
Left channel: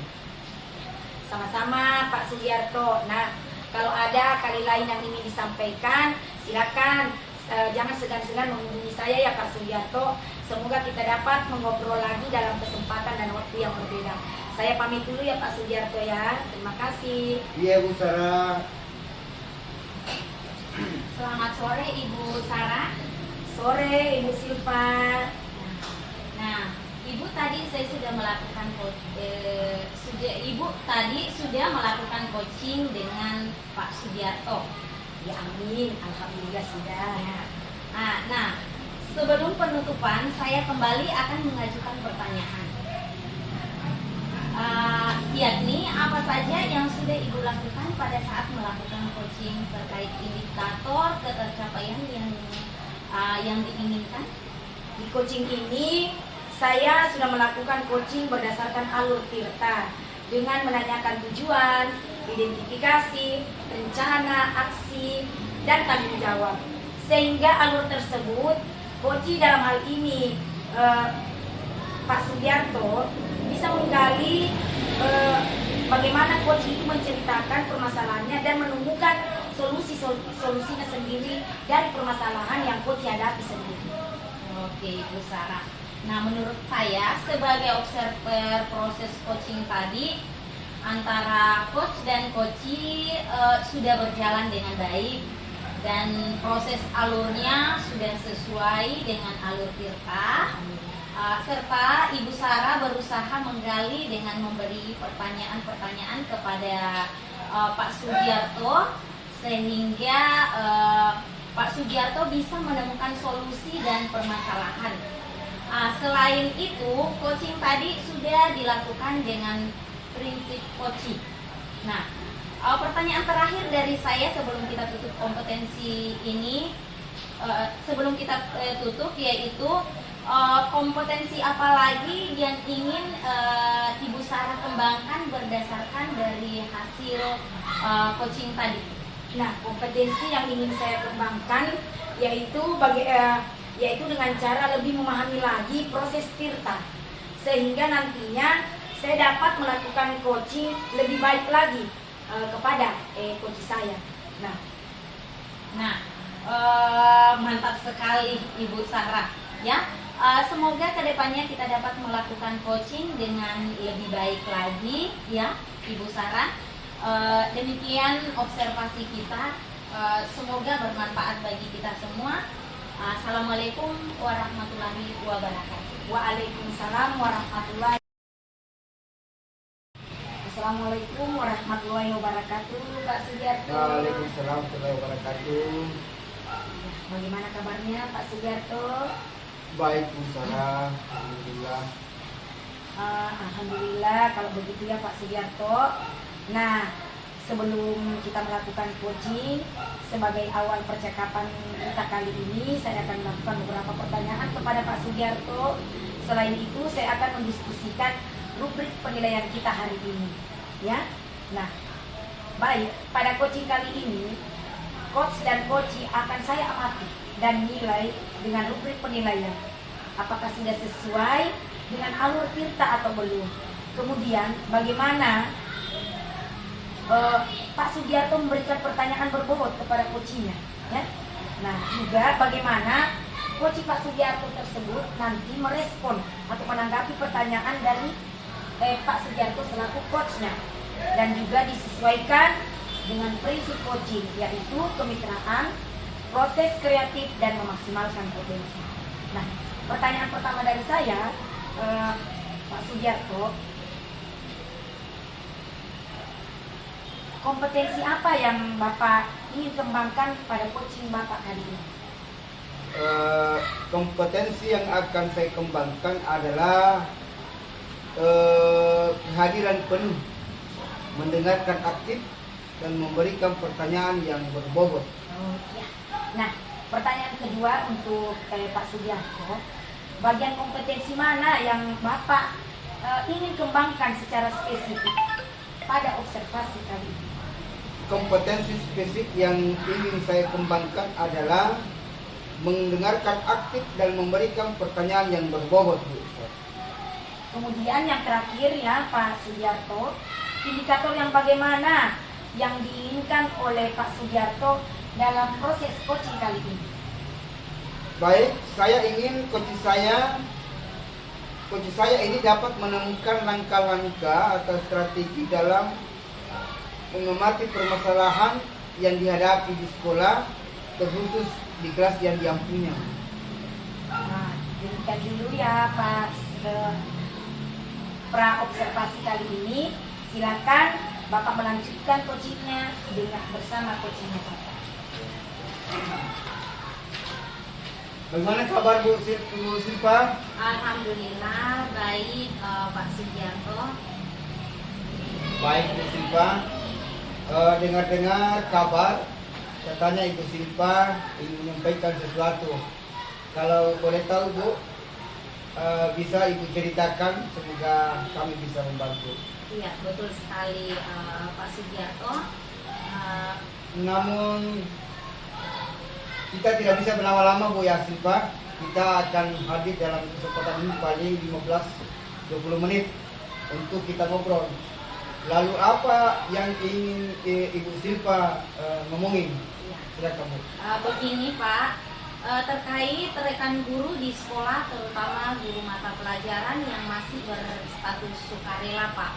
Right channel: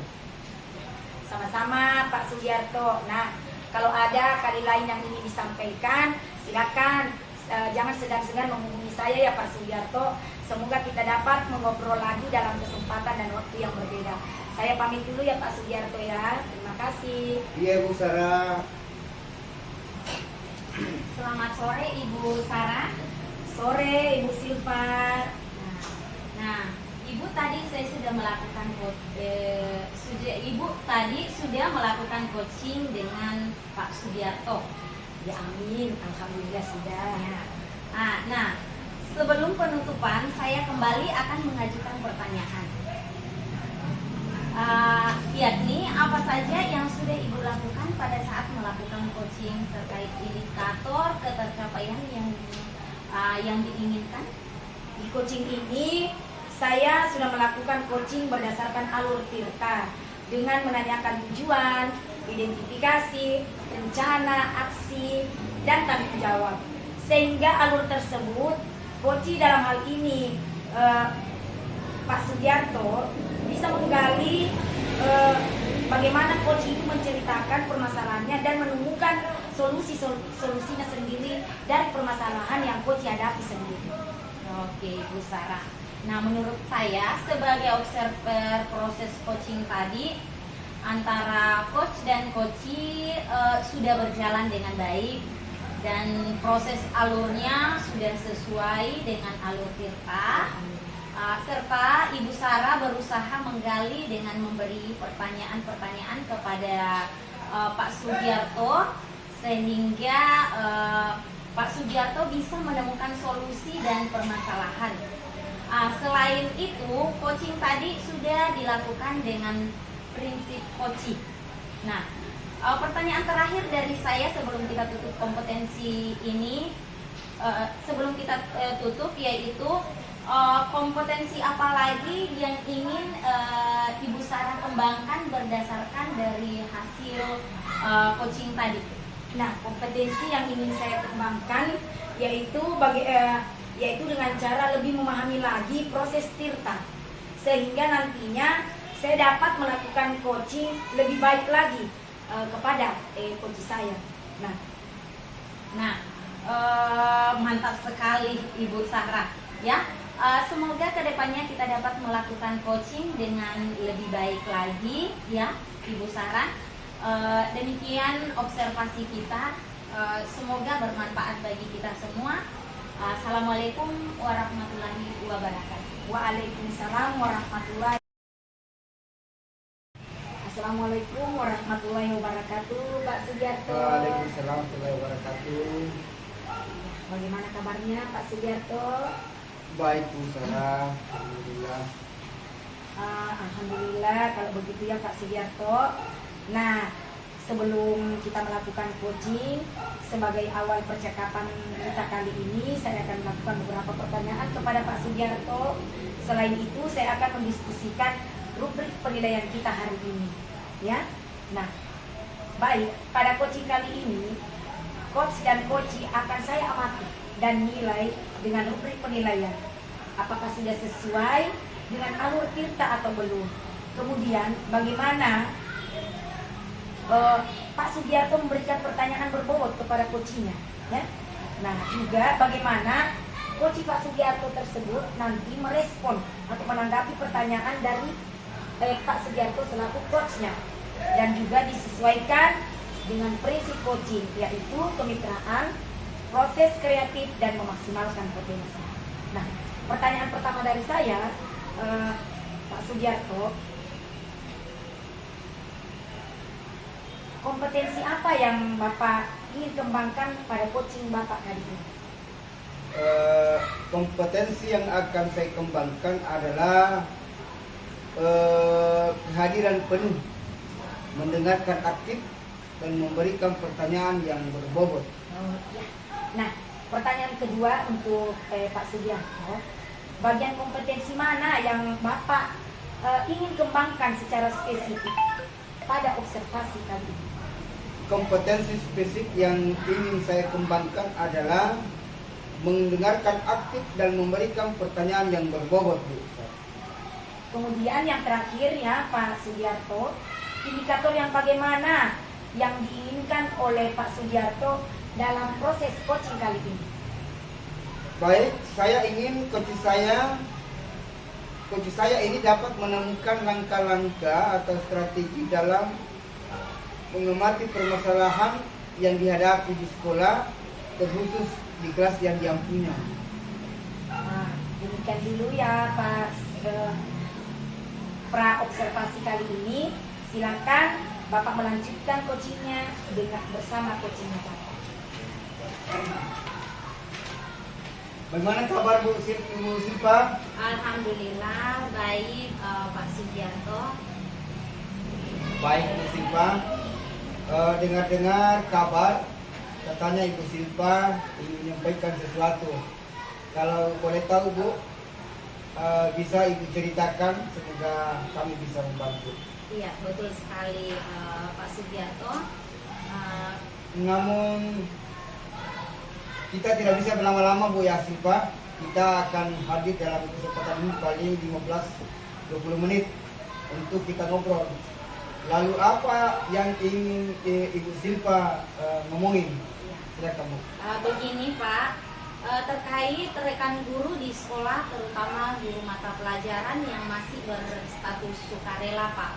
Sama-sama Pak Sugiarto. Nah, kalau ada kali lain yang ingin disampaikan, silakan. Jangan segan-segan menghubungi saya ya Pak Sugiarto. Semoga kita dapat mengobrol lagi dalam kesempatan dan waktu yang berbeda. Saya pamit dulu ya Pak Sugiarto ya. Terima kasih. Iya Bu Sarah. Selamat sore Ibu Sarah. Sore Ibu Silva. Nah, Ibu tadi saya sudah melakukan Ibu tadi sudah melakukan coaching dengan Pak Sugiarto. Ya amin, alhamdulillah sudah. Nah, sebelum penutupan saya kembali akan mengajukan pertanyaan. Yakni apa saja yang sudah Ibu lakukan pada saat melakukan coaching terkait indikator ketercapaian yang diinginkan? Di coaching ini saya sudah melakukan coaching berdasarkan alur Tirta dengan menanyakan tujuan, identifikasi, rencana, aksi, dan tanggung jawab. Sehingga alur tersebut, coaching dalam hal ini Pak Sugiarto bisa menggali bagaimana coaching itu menceritakan permasalahannya dan menemukan solusinya sendiri dari permasalahan yang coach hadapi sendiri. Oke, Ibu Sarah. Nah, menurut saya sebagai observer proses coaching tadi antara coach dan coachee sudah berjalan dengan baik dan proses alurnya sudah sesuai dengan alur Tirta. Serta Ibu Sarah berusaha menggali dengan memberi pertanyaan-pertanyaan kepada Pak Sugiarto sehingga Pak Sugiarto bisa menemukan solusi dan permasalahan. Selain itu, coaching tadi sudah dilakukan dengan prinsip coaching. Nah, pertanyaan terakhir dari saya sebelum kita tutup kompetensi ini, sebelum kita tutup, yaitu kompetensi apa lagi yang ingin Ibu Sarah kembangkan berdasarkan dari hasil coaching tadi? Nah, kompetensi yang ingin saya kembangkan yaitu yaitu dengan cara lebih memahami lagi proses tirta, sehingga nantinya saya dapat melakukan coaching lebih baik lagi kepada coach saya. Mantap sekali Ibu Sarah, ya. Semoga kedepannya kita dapat melakukan coaching dengan lebih baik lagi, ya Ibu Sarah. Demikian observasi kita, semoga bermanfaat bagi kita semua. Assalamualaikum warahmatullahi wabarakatuh. Waalaikumsalam warahmatullahi Assalamualaikum warahmatullahi wabarakatuh, Pak Sugiarto. Waalaikumsalam warahmatullahi wabarakatuh. Bagaimana kabarnya Pak Sugiarto? Baik Bu Sarah, alhamdulillah. Alhamdulillah kalau begitu ya Pak Sugiarto. Nah, sebelum kita melakukan coaching, sebagai awal percakapan kita kali ini, saya akan melakukan beberapa pertanyaan kepada Pak Sugiarto. Selain itu, saya akan mendiskusikan rubrik penilaian kita hari ini, ya. Nah, baik, pada coaching kali ini, coach dan coachee akan saya amati dan nilai dengan rubrik penilaian. Apakah sudah sesuai dengan alur tirta atau belum? Kemudian, bagaimana Pak Sugiarto memberikan pertanyaan berbobot kepada coachingnya, ya. Nah, juga bagaimana coaching Pak Sugiarto tersebut nanti merespon atau menanggapi pertanyaan dari Pak Sugiarto selaku coachnya, dan juga disesuaikan dengan prinsip coaching, yaitu kemitraan, proses kreatif, dan memaksimalkan potensi. Nah, pertanyaan pertama dari saya, Pak Sugiarto, kompetensi apa yang Bapak ingin kembangkan pada coaching Bapak kali ini? Kompetensi yang akan saya kembangkan adalah kehadiran penuh, mendengarkan aktif, dan memberikan pertanyaan yang berbobot. Oh, ya. Nah, pertanyaan kedua untuk Pak Sugiarto, bagian kompetensi mana yang Bapak ingin kembangkan secara spesifik pada observasi kali ini? Kompetensi spesifik yang ingin saya kembangkan adalah mendengarkan aktif dan memberikan pertanyaan yang berbobot, Bu. Kemudian yang terakhir ya Pak Sugiarto, indikator yang bagaimana yang diinginkan oleh Pak Sugiarto dalam proses coaching kali ini? Baik, saya ingin coach saya ini dapat menemukan langkah-langkah atau strategi dalam mengamati permasalahan yang dihadapi di sekolah, terkhusus di kelas yang dia punya. Nah, demikian dulu ya Pak pra observasi kali ini. Silakan Bapak melanjutkan coachingnya dengan bersama coachingnya Bapak. Bagaimana kabar Bu Silva? Alhamdulillah baik Pak Sugiarto. Baik Bu Silva. Dengar-dengar kabar katanya Ibu Silva ingin menyampaikan sesuatu. Kalau boleh tahu Bu, bisa Ibu ceritakan, semoga kami bisa membantu. Iya, betul sekali Pak Sugiarto. Namun kita tidak bisa berlama-lama Bu ya Silva. Kita akan hadir dalam kesempatan ini paling 15-20 menit untuk kita ngobrol. Lalu apa yang ingin Ibu Silva ngomongin? Silakan Bu. Begini Pak, terkait rekan guru di sekolah, terutama guru mata pelajaran yang masih berstatus sukarela Pak.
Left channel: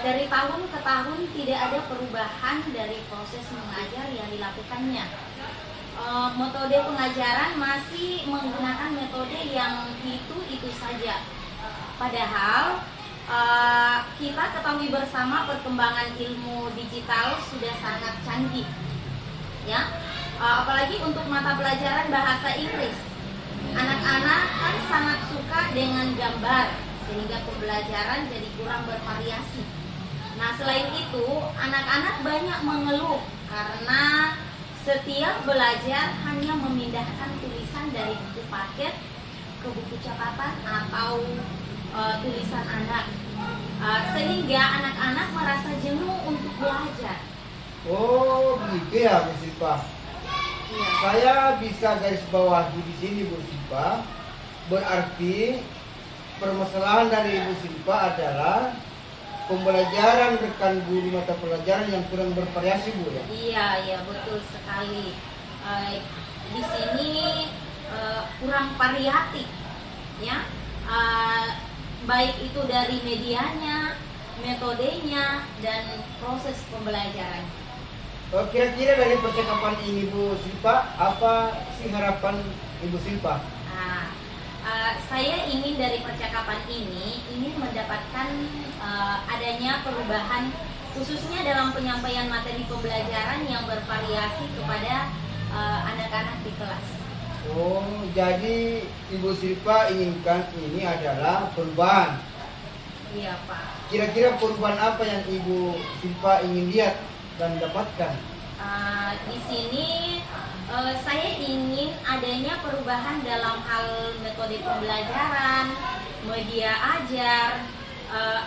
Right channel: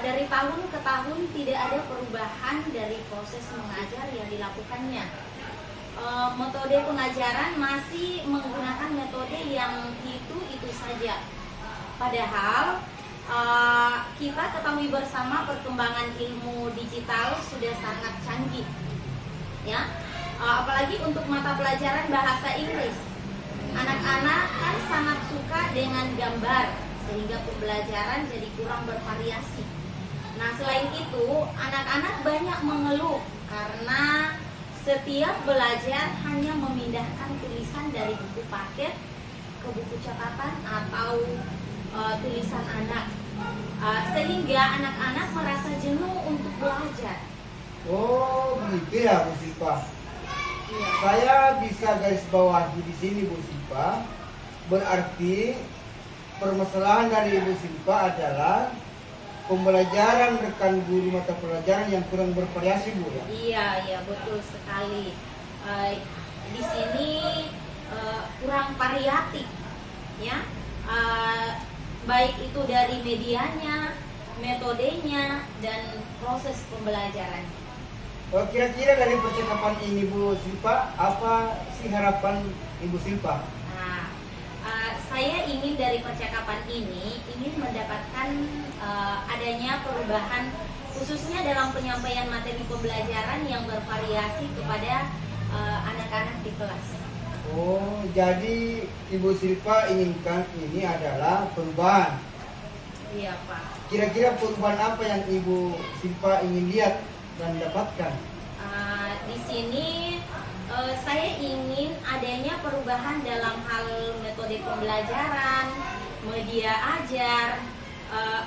Dari tahun ke tahun tidak ada perubahan dari proses mengajar yang dilakukannya. Metode pengajaran masih menggunakan metode yang itu saja. Padahal kita ketahui bersama perkembangan ilmu digital sudah sangat canggih, ya. apalagi untuk mata pelajaran bahasa Inggris. Anak-anak kan sangat suka dengan gambar, sehingga pembelajaran jadi kurang bervariasi. Nah, selain itu, anak-anak banyak mengeluh karena setiap belajar hanya memindahkan tulisan dari buku paket ke buku catatan atau tulisan anak, sehingga anak-anak merasa jenuh untuk belajar. Oh, begitu ya, Bu Silpa. Iya. Saya bisa garis bawahi di sini, Bu Silpa. Berarti permasalahan dari Bu Silpa adalah pembelajaran rekan guru mata pelajaran yang kurang bervariasi, Bu ya. Iya, betul sekali. Di sini kurang variatif, ya. Baik itu dari medianya, metodenya, dan proses pembelajaran. Kira-kira dari percakapan ini, Bu Silpa, apa sih harapan Ibu Silpa? Nah, saya ingin dari percakapan ini ingin mendapatkan adanya perubahan khususnya dalam penyampaian materi pembelajaran yang bervariasi kepada anak-anak di kelas. Oh, jadi Ibu Silpa inginkan ini adalah perubahan. Iya, Pak. Kira-kira perubahan apa yang Ibu Silpa ingin lihat dan dapatkan? Di sini saya ingin adanya perubahan dalam hal metode pembelajaran, media ajar.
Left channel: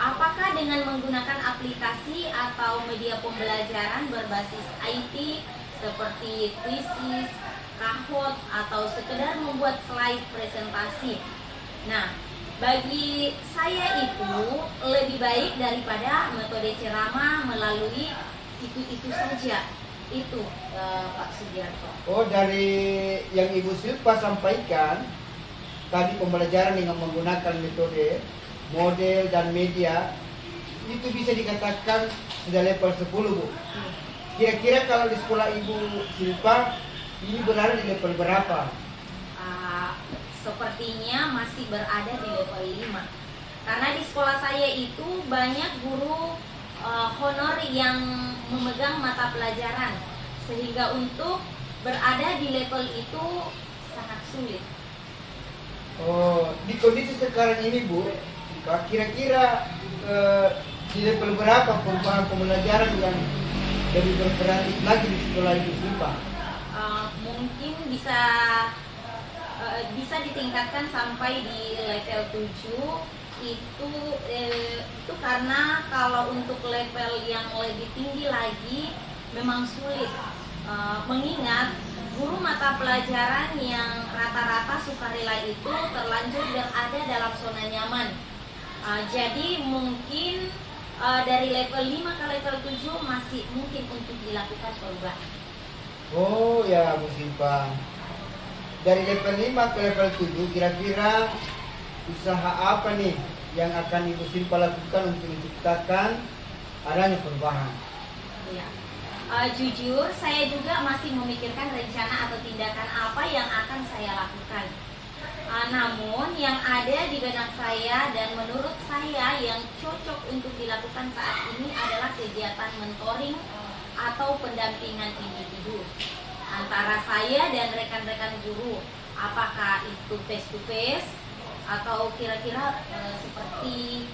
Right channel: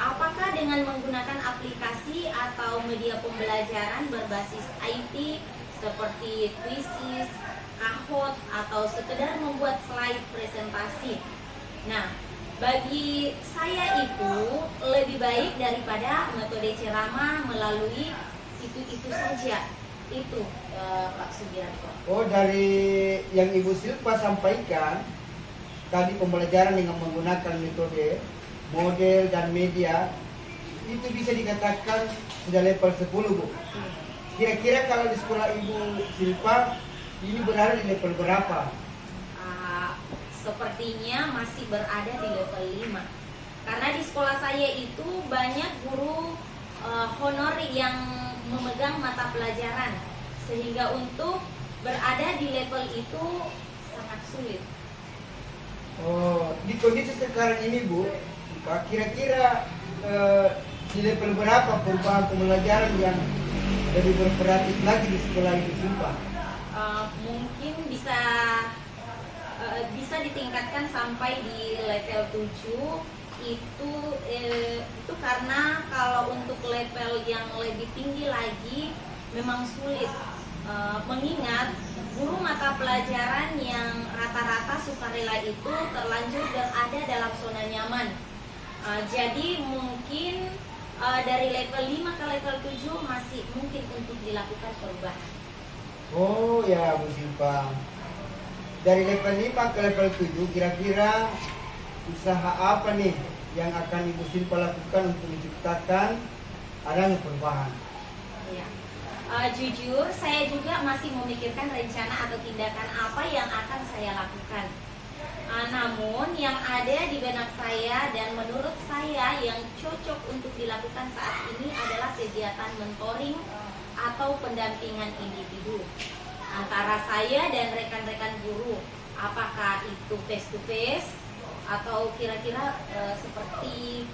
Apakah dengan menggunakan aplikasi atau media pembelajaran berbasis IT seperti Quizizz, Kahoot, atau sekedar membuat slide presentasi. Nah, bagi saya itu lebih baik daripada metode ceramah melalui itu saja. Itu Pak Sugiarto. Oh, dari yang Ibu Silpa sampaikan tadi, pembelajaran dengan menggunakan metode, model, dan media itu bisa dikatakan sudah level 10, Bu. Kira-kira kalau di sekolah Ibu Silpa ini berada di level berapa? Sepertinya masih berada di level 5. Karena di sekolah saya itu banyak guru honor yang memegang mata pelajaran, sehingga untuk berada di level itu sangat sulit. Oh, di kondisi sekarang ini, Bu, kira-kira di level berapa perubahan pembelajaran yang lebih bervariatif lagi di sekolah Ibu Silpa? Mungkin bisa ditingkatkan sampai di level 7. Itu karena kalau untuk level yang lebih tinggi lagi memang sulit, mengingat guru mata pelajaran yang rata-rata sukarela itu terlanjur berada dalam zona nyaman. Jadi mungkin dari level 5 ke level 7 masih mungkin untuk dilakukan perubahan. Oh ya, Bu Silpa. Dari level 5 ke level 7, kira-kira usaha apa nih yang akan Ibu Silpa lakukan untuk menciptakan adanya perubahan? Ya. Jujur, saya juga masih memikirkan rencana atau tindakan apa yang akan saya lakukan. Namun yang ada di benak saya dan menurut saya yang cocok untuk dilakukan saat ini adalah kegiatan mentoring atau pendampingan individu antara saya dan rekan-rekan guru. Apakah itu face to face atau kira-kira seperti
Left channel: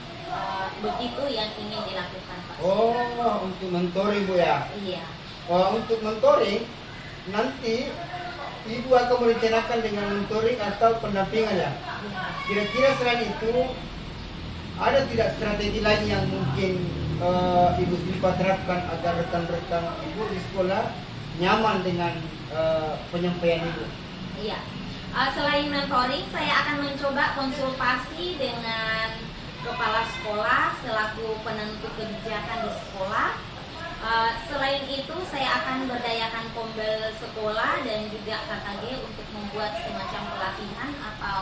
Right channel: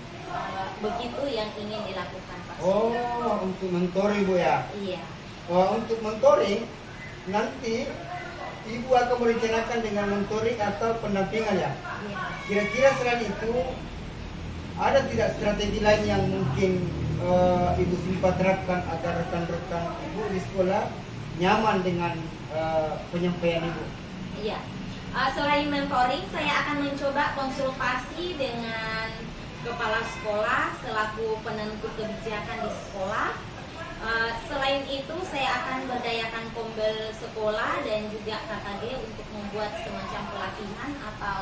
begitu yang ingin dilakukan, Pak? Oh, untuk mentoring, Bu ya. Iya. Untuk mentoring nanti Ibu akan merencanakan dengan mentoring atau pendampingan ya. Iya. Kira-kira selain itu ada tidak strategi lain yang mungkin Ibu Silpa terapkan agar rekan-rekan Ibu di sekolah nyaman dengan penyampaian Ibu? Iya. Selain mentoring, saya akan mencoba konsultasi dengan kepala sekolah selaku penentu kebijakan di sekolah. Selain itu, saya akan berdayakan pombel sekolah dan juga KKG untuk membuat semacam pelatihan atau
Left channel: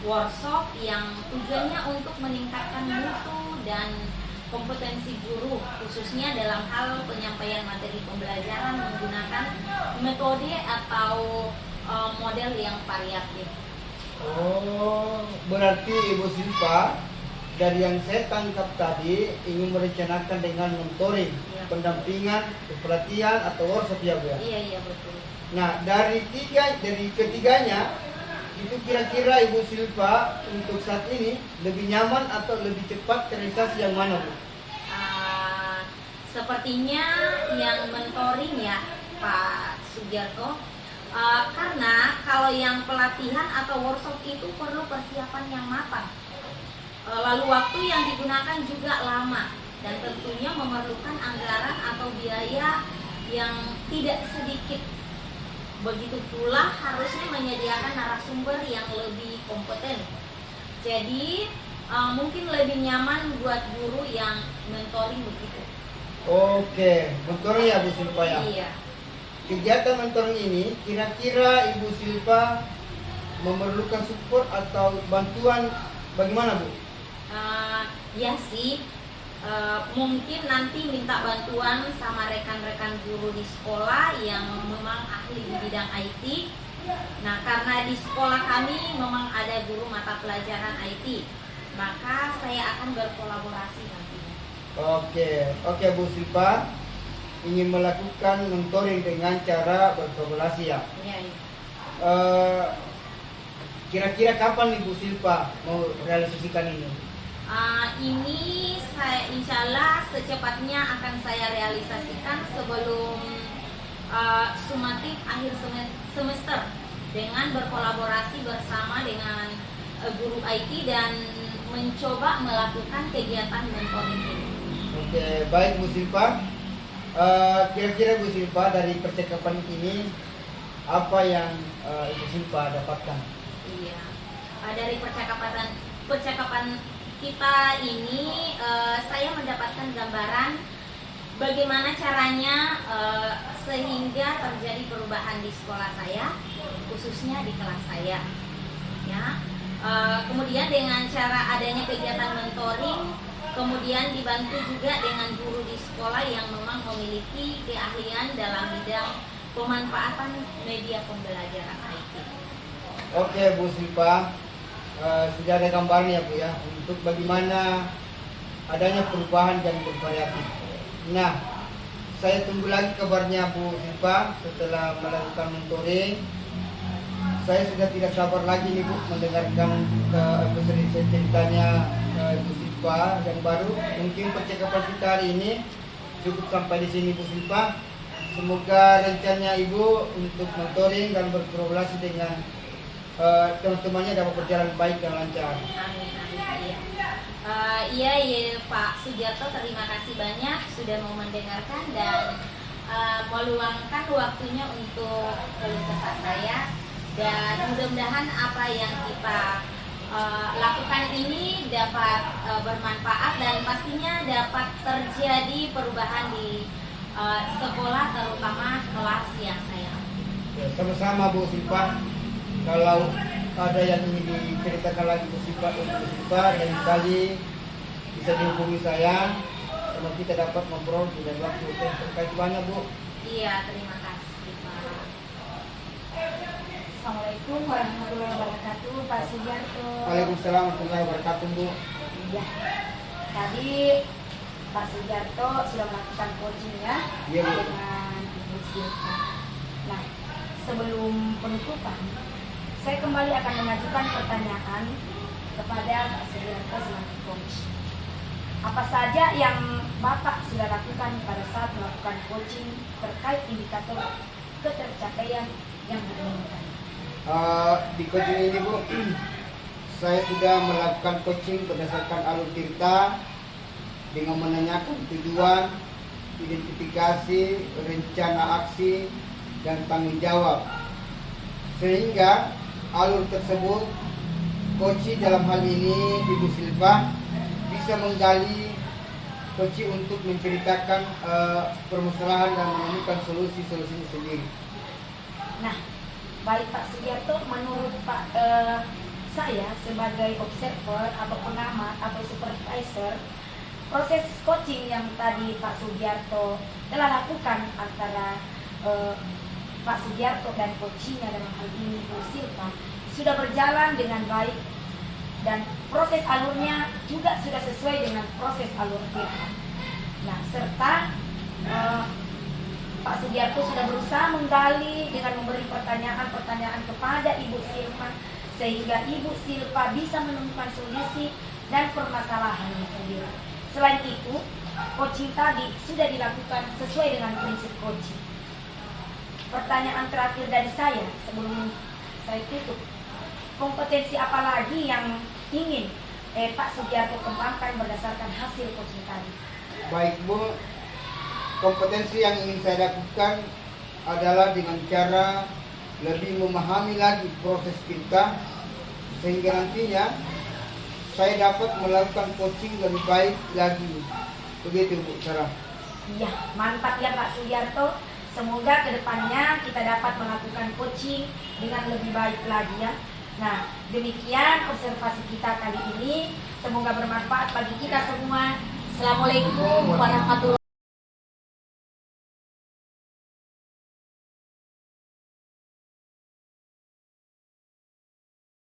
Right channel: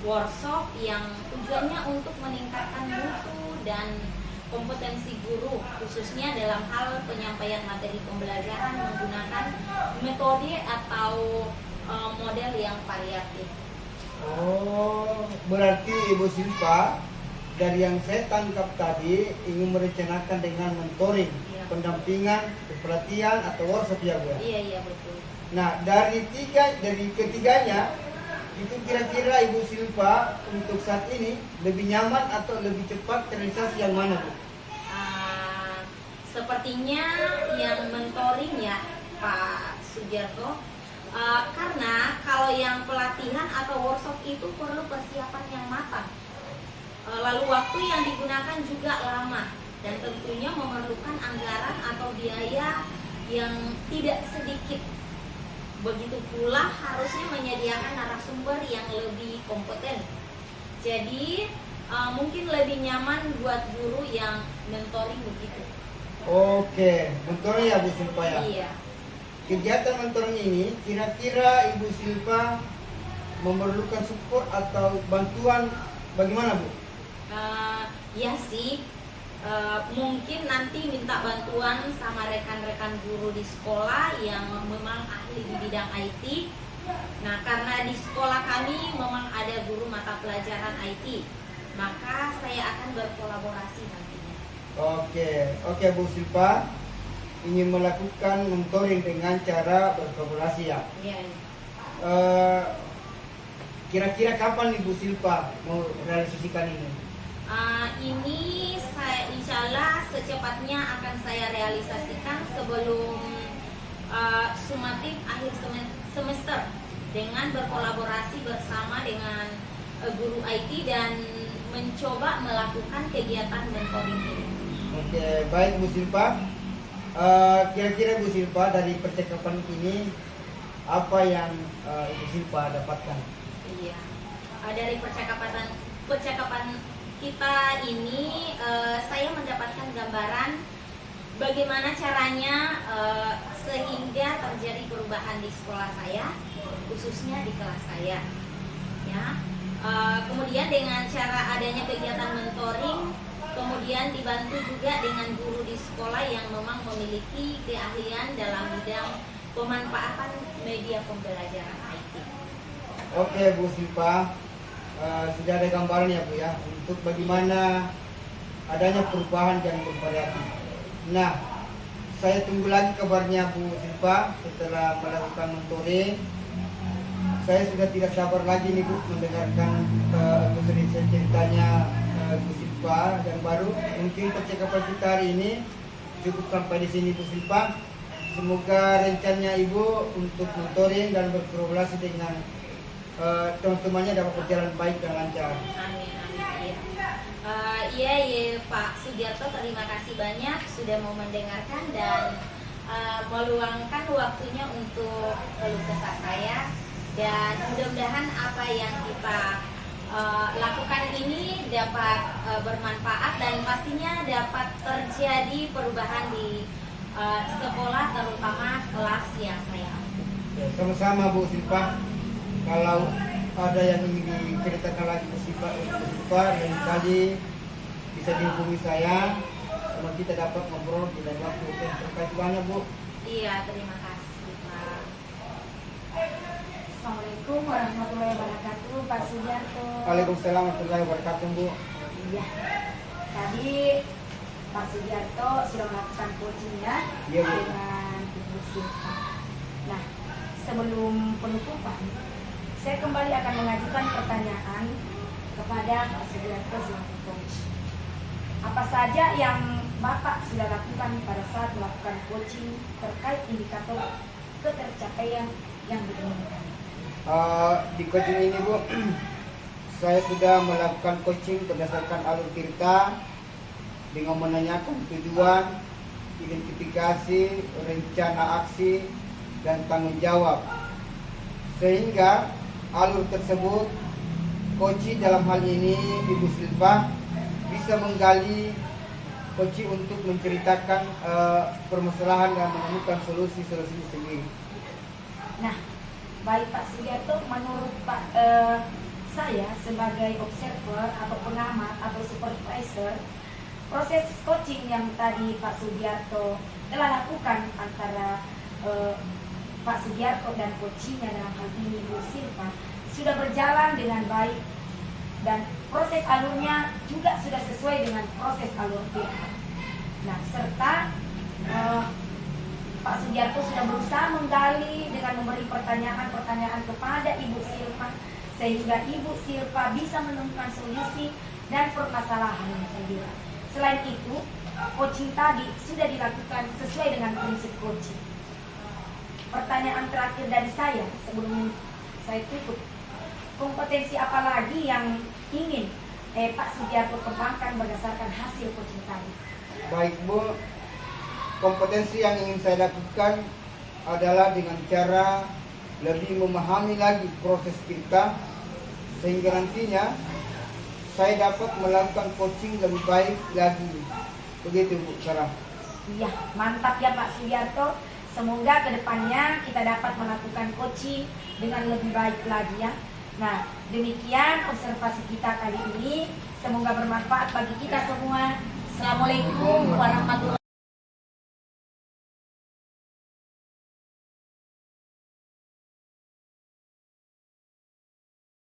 workshop yang tujuannya untuk meningkatkan mutu dan kompetensi guru, khususnya dalam hal penyampaian materi pembelajaran menggunakan metode atau model yang variatif. Oh, berarti Ibu Silpa dari yang saya tangkap tadi ingin merencanakan dengan mentoring. Ya. pendampingan, pelatihan atau workshop ya Bu ya. Iya, iya betul. Nah, dari ketiganya itu kira-kira Ibu Silva untuk saat ini lebih nyaman atau lebih cepat terrealisasi yang mana Bu? Sepertinya yang mentoring ya Pak Sugiarto. Karena kalau yang pelatihan atau workshop itu perlu persiapan yang matang. Lalu waktu yang digunakan juga lama dan tentunya memerlukan anggaran atau biaya yang tidak sedikit. Begitu pula harusnya menyediakan narasumber yang lebih kompeten. Jadi mungkin lebih nyaman buat guru yang mentoring begitu. Oke, mentoring ya Bu Silva ya. Iya. Kegiatan mentoring ini kira-kira Ibu Silva memerlukan support atau bantuan bagaimana Bu? Ya sih, mungkin nanti minta bantuan sama rekan-rekan guru di sekolah yang memang ahli di bidang IT. Nah, karena di sekolah kami memang ada guru mata pelajaran IT, maka saya akan berkolaborasi nantinya. Oke Bu Silva ingin melakukan mentoring dengan cara berkolaborasi ya. Iya. Kira-kira kapan Ibu Silva mau realisasikan ini? Ini saya insya Allah secepatnya akan saya realisasikan sebelum sumatif akhir semester dengan berkolaborasi bersama dengan guru IT dan mencoba melakukan kegiatan mentoring ini. Oke, baik Bu Silva. Kira-kira Bu Silva dari percakapan ini apa yang Ibu Silva dapatkan? Iya, dari percakapan kita ini saya mendapatkan gambaran bagaimana caranya sehingga terjadi perubahan di sekolah saya, khususnya di kelas saya. Ya, kemudian dengan cara adanya kegiatan mentoring, kemudian dibantu juga dengan guru di sekolah yang memang memiliki keahlian dalam bidang pemanfaatan media pembelajaran IT. Oke Bu Silva, sudah ada gambaran ya Bu ya untuk bagaimana adanya perubahan yang bervariatif. Nah, saya tunggu lagi kabarnya Bu Silva setelah melakukan mentoring. Saya sudah tidak sabar lagi nih Bu mendengarkan episode ceritanya Bu Silva yang baru. Mungkin percakapan kita hari ini cukup sampai di sini Bu Silva. Semoga rencananya Ibu untuk mentoring dan berkolaborasi dengan teman-temannya dapat berjalan baik dan lancar. Amin, amin. Iya Pak Sugiarto, terima kasih banyak sudah mau mendengarkan dan meluangkan waktunya untuk keluh kesah saya, dan mudah-mudahan apa yang kita lakukan ini dapat bermanfaat dan pastinya dapat terjadi perubahan di sekolah, terutama kelas yang saya ambil. Sama-sama Bu Silva. Kalau ada yang ingin diceritakan lagi Bu Silva, lain kali bisa dihubungi saya. Sama kita dapat ngobrol di lain waktu. Terkait banyak Bu. Iya, terima kasih Pak. Assalamualaikum warahmatullahi wabarakatuh, Pak Sugiarto. Waalaikumsalam warahmatullahi wabarakatuh Bu. Iya, tadi Pak Sugiarto sudah melakukan coaching ya, Iya, Bu. dengan Ibu Silva. Nah, sebelum penutupan, saya kembali akan mengajukan pertanyaan kepada Pak Sugiarto selaku coach. Apa saja yang Bapak sudah lakukan pada saat melakukan coaching terkait indikator ketercapaian yang diinginkan? Di coaching ini Bu, saya sudah melakukan coaching berdasarkan alur cerita dengan menanyakan tujuan, identifikasi, rencana aksi, dan tanggung jawab. Sehingga alur tersebut, coaching dalam hal ini Ibu Silva bisa menggali coaching untuk menceritakan permasalahan dan menemukan solusi-solusinya sendiri. Nah, baik Pak Sugiarto, menurut saya sebagai observer atau pengamat atau supervisor, proses coaching yang tadi Pak Sugiarto telah lakukan antara Pak Sugiarto dan coachingnya dalam hal ini Bu Silva sudah berjalan dengan baik, dan proses alurnya juga sudah sesuai dengan proses alur kita. Nah, serta Pak Sugiarto sudah berusaha menggali dengan memberi pertanyaan-pertanyaan kepada Ibu Silpa, sehingga Ibu Silpa bisa menemukan solusi dan permasalahan sendiri. Selain itu, coaching tadi sudah dilakukan sesuai dengan prinsip coaching. Pertanyaan terakhir dari saya sebelum saya tutup, kompetensi apa lagi yang ingin Pak Sugiarto kembangkan berdasarkan hasil coaching tadi? Baik Bu, kompetensi yang ingin saya lakukan adalah dengan cara lebih memahami lagi proses kita, sehingga nantinya saya dapat melakukan coaching lebih baik lagi. Begitu Bu Sarah. Iya, mantap ya Pak Sugiarto. Semoga kedepannya kita dapat melakukan coaching dengan lebih baik lagi ya. Nah, demikian observasi kita kali ini. Semoga bermanfaat bagi kita semua. Assalamualaikum warahmatullahi wabarakatuh.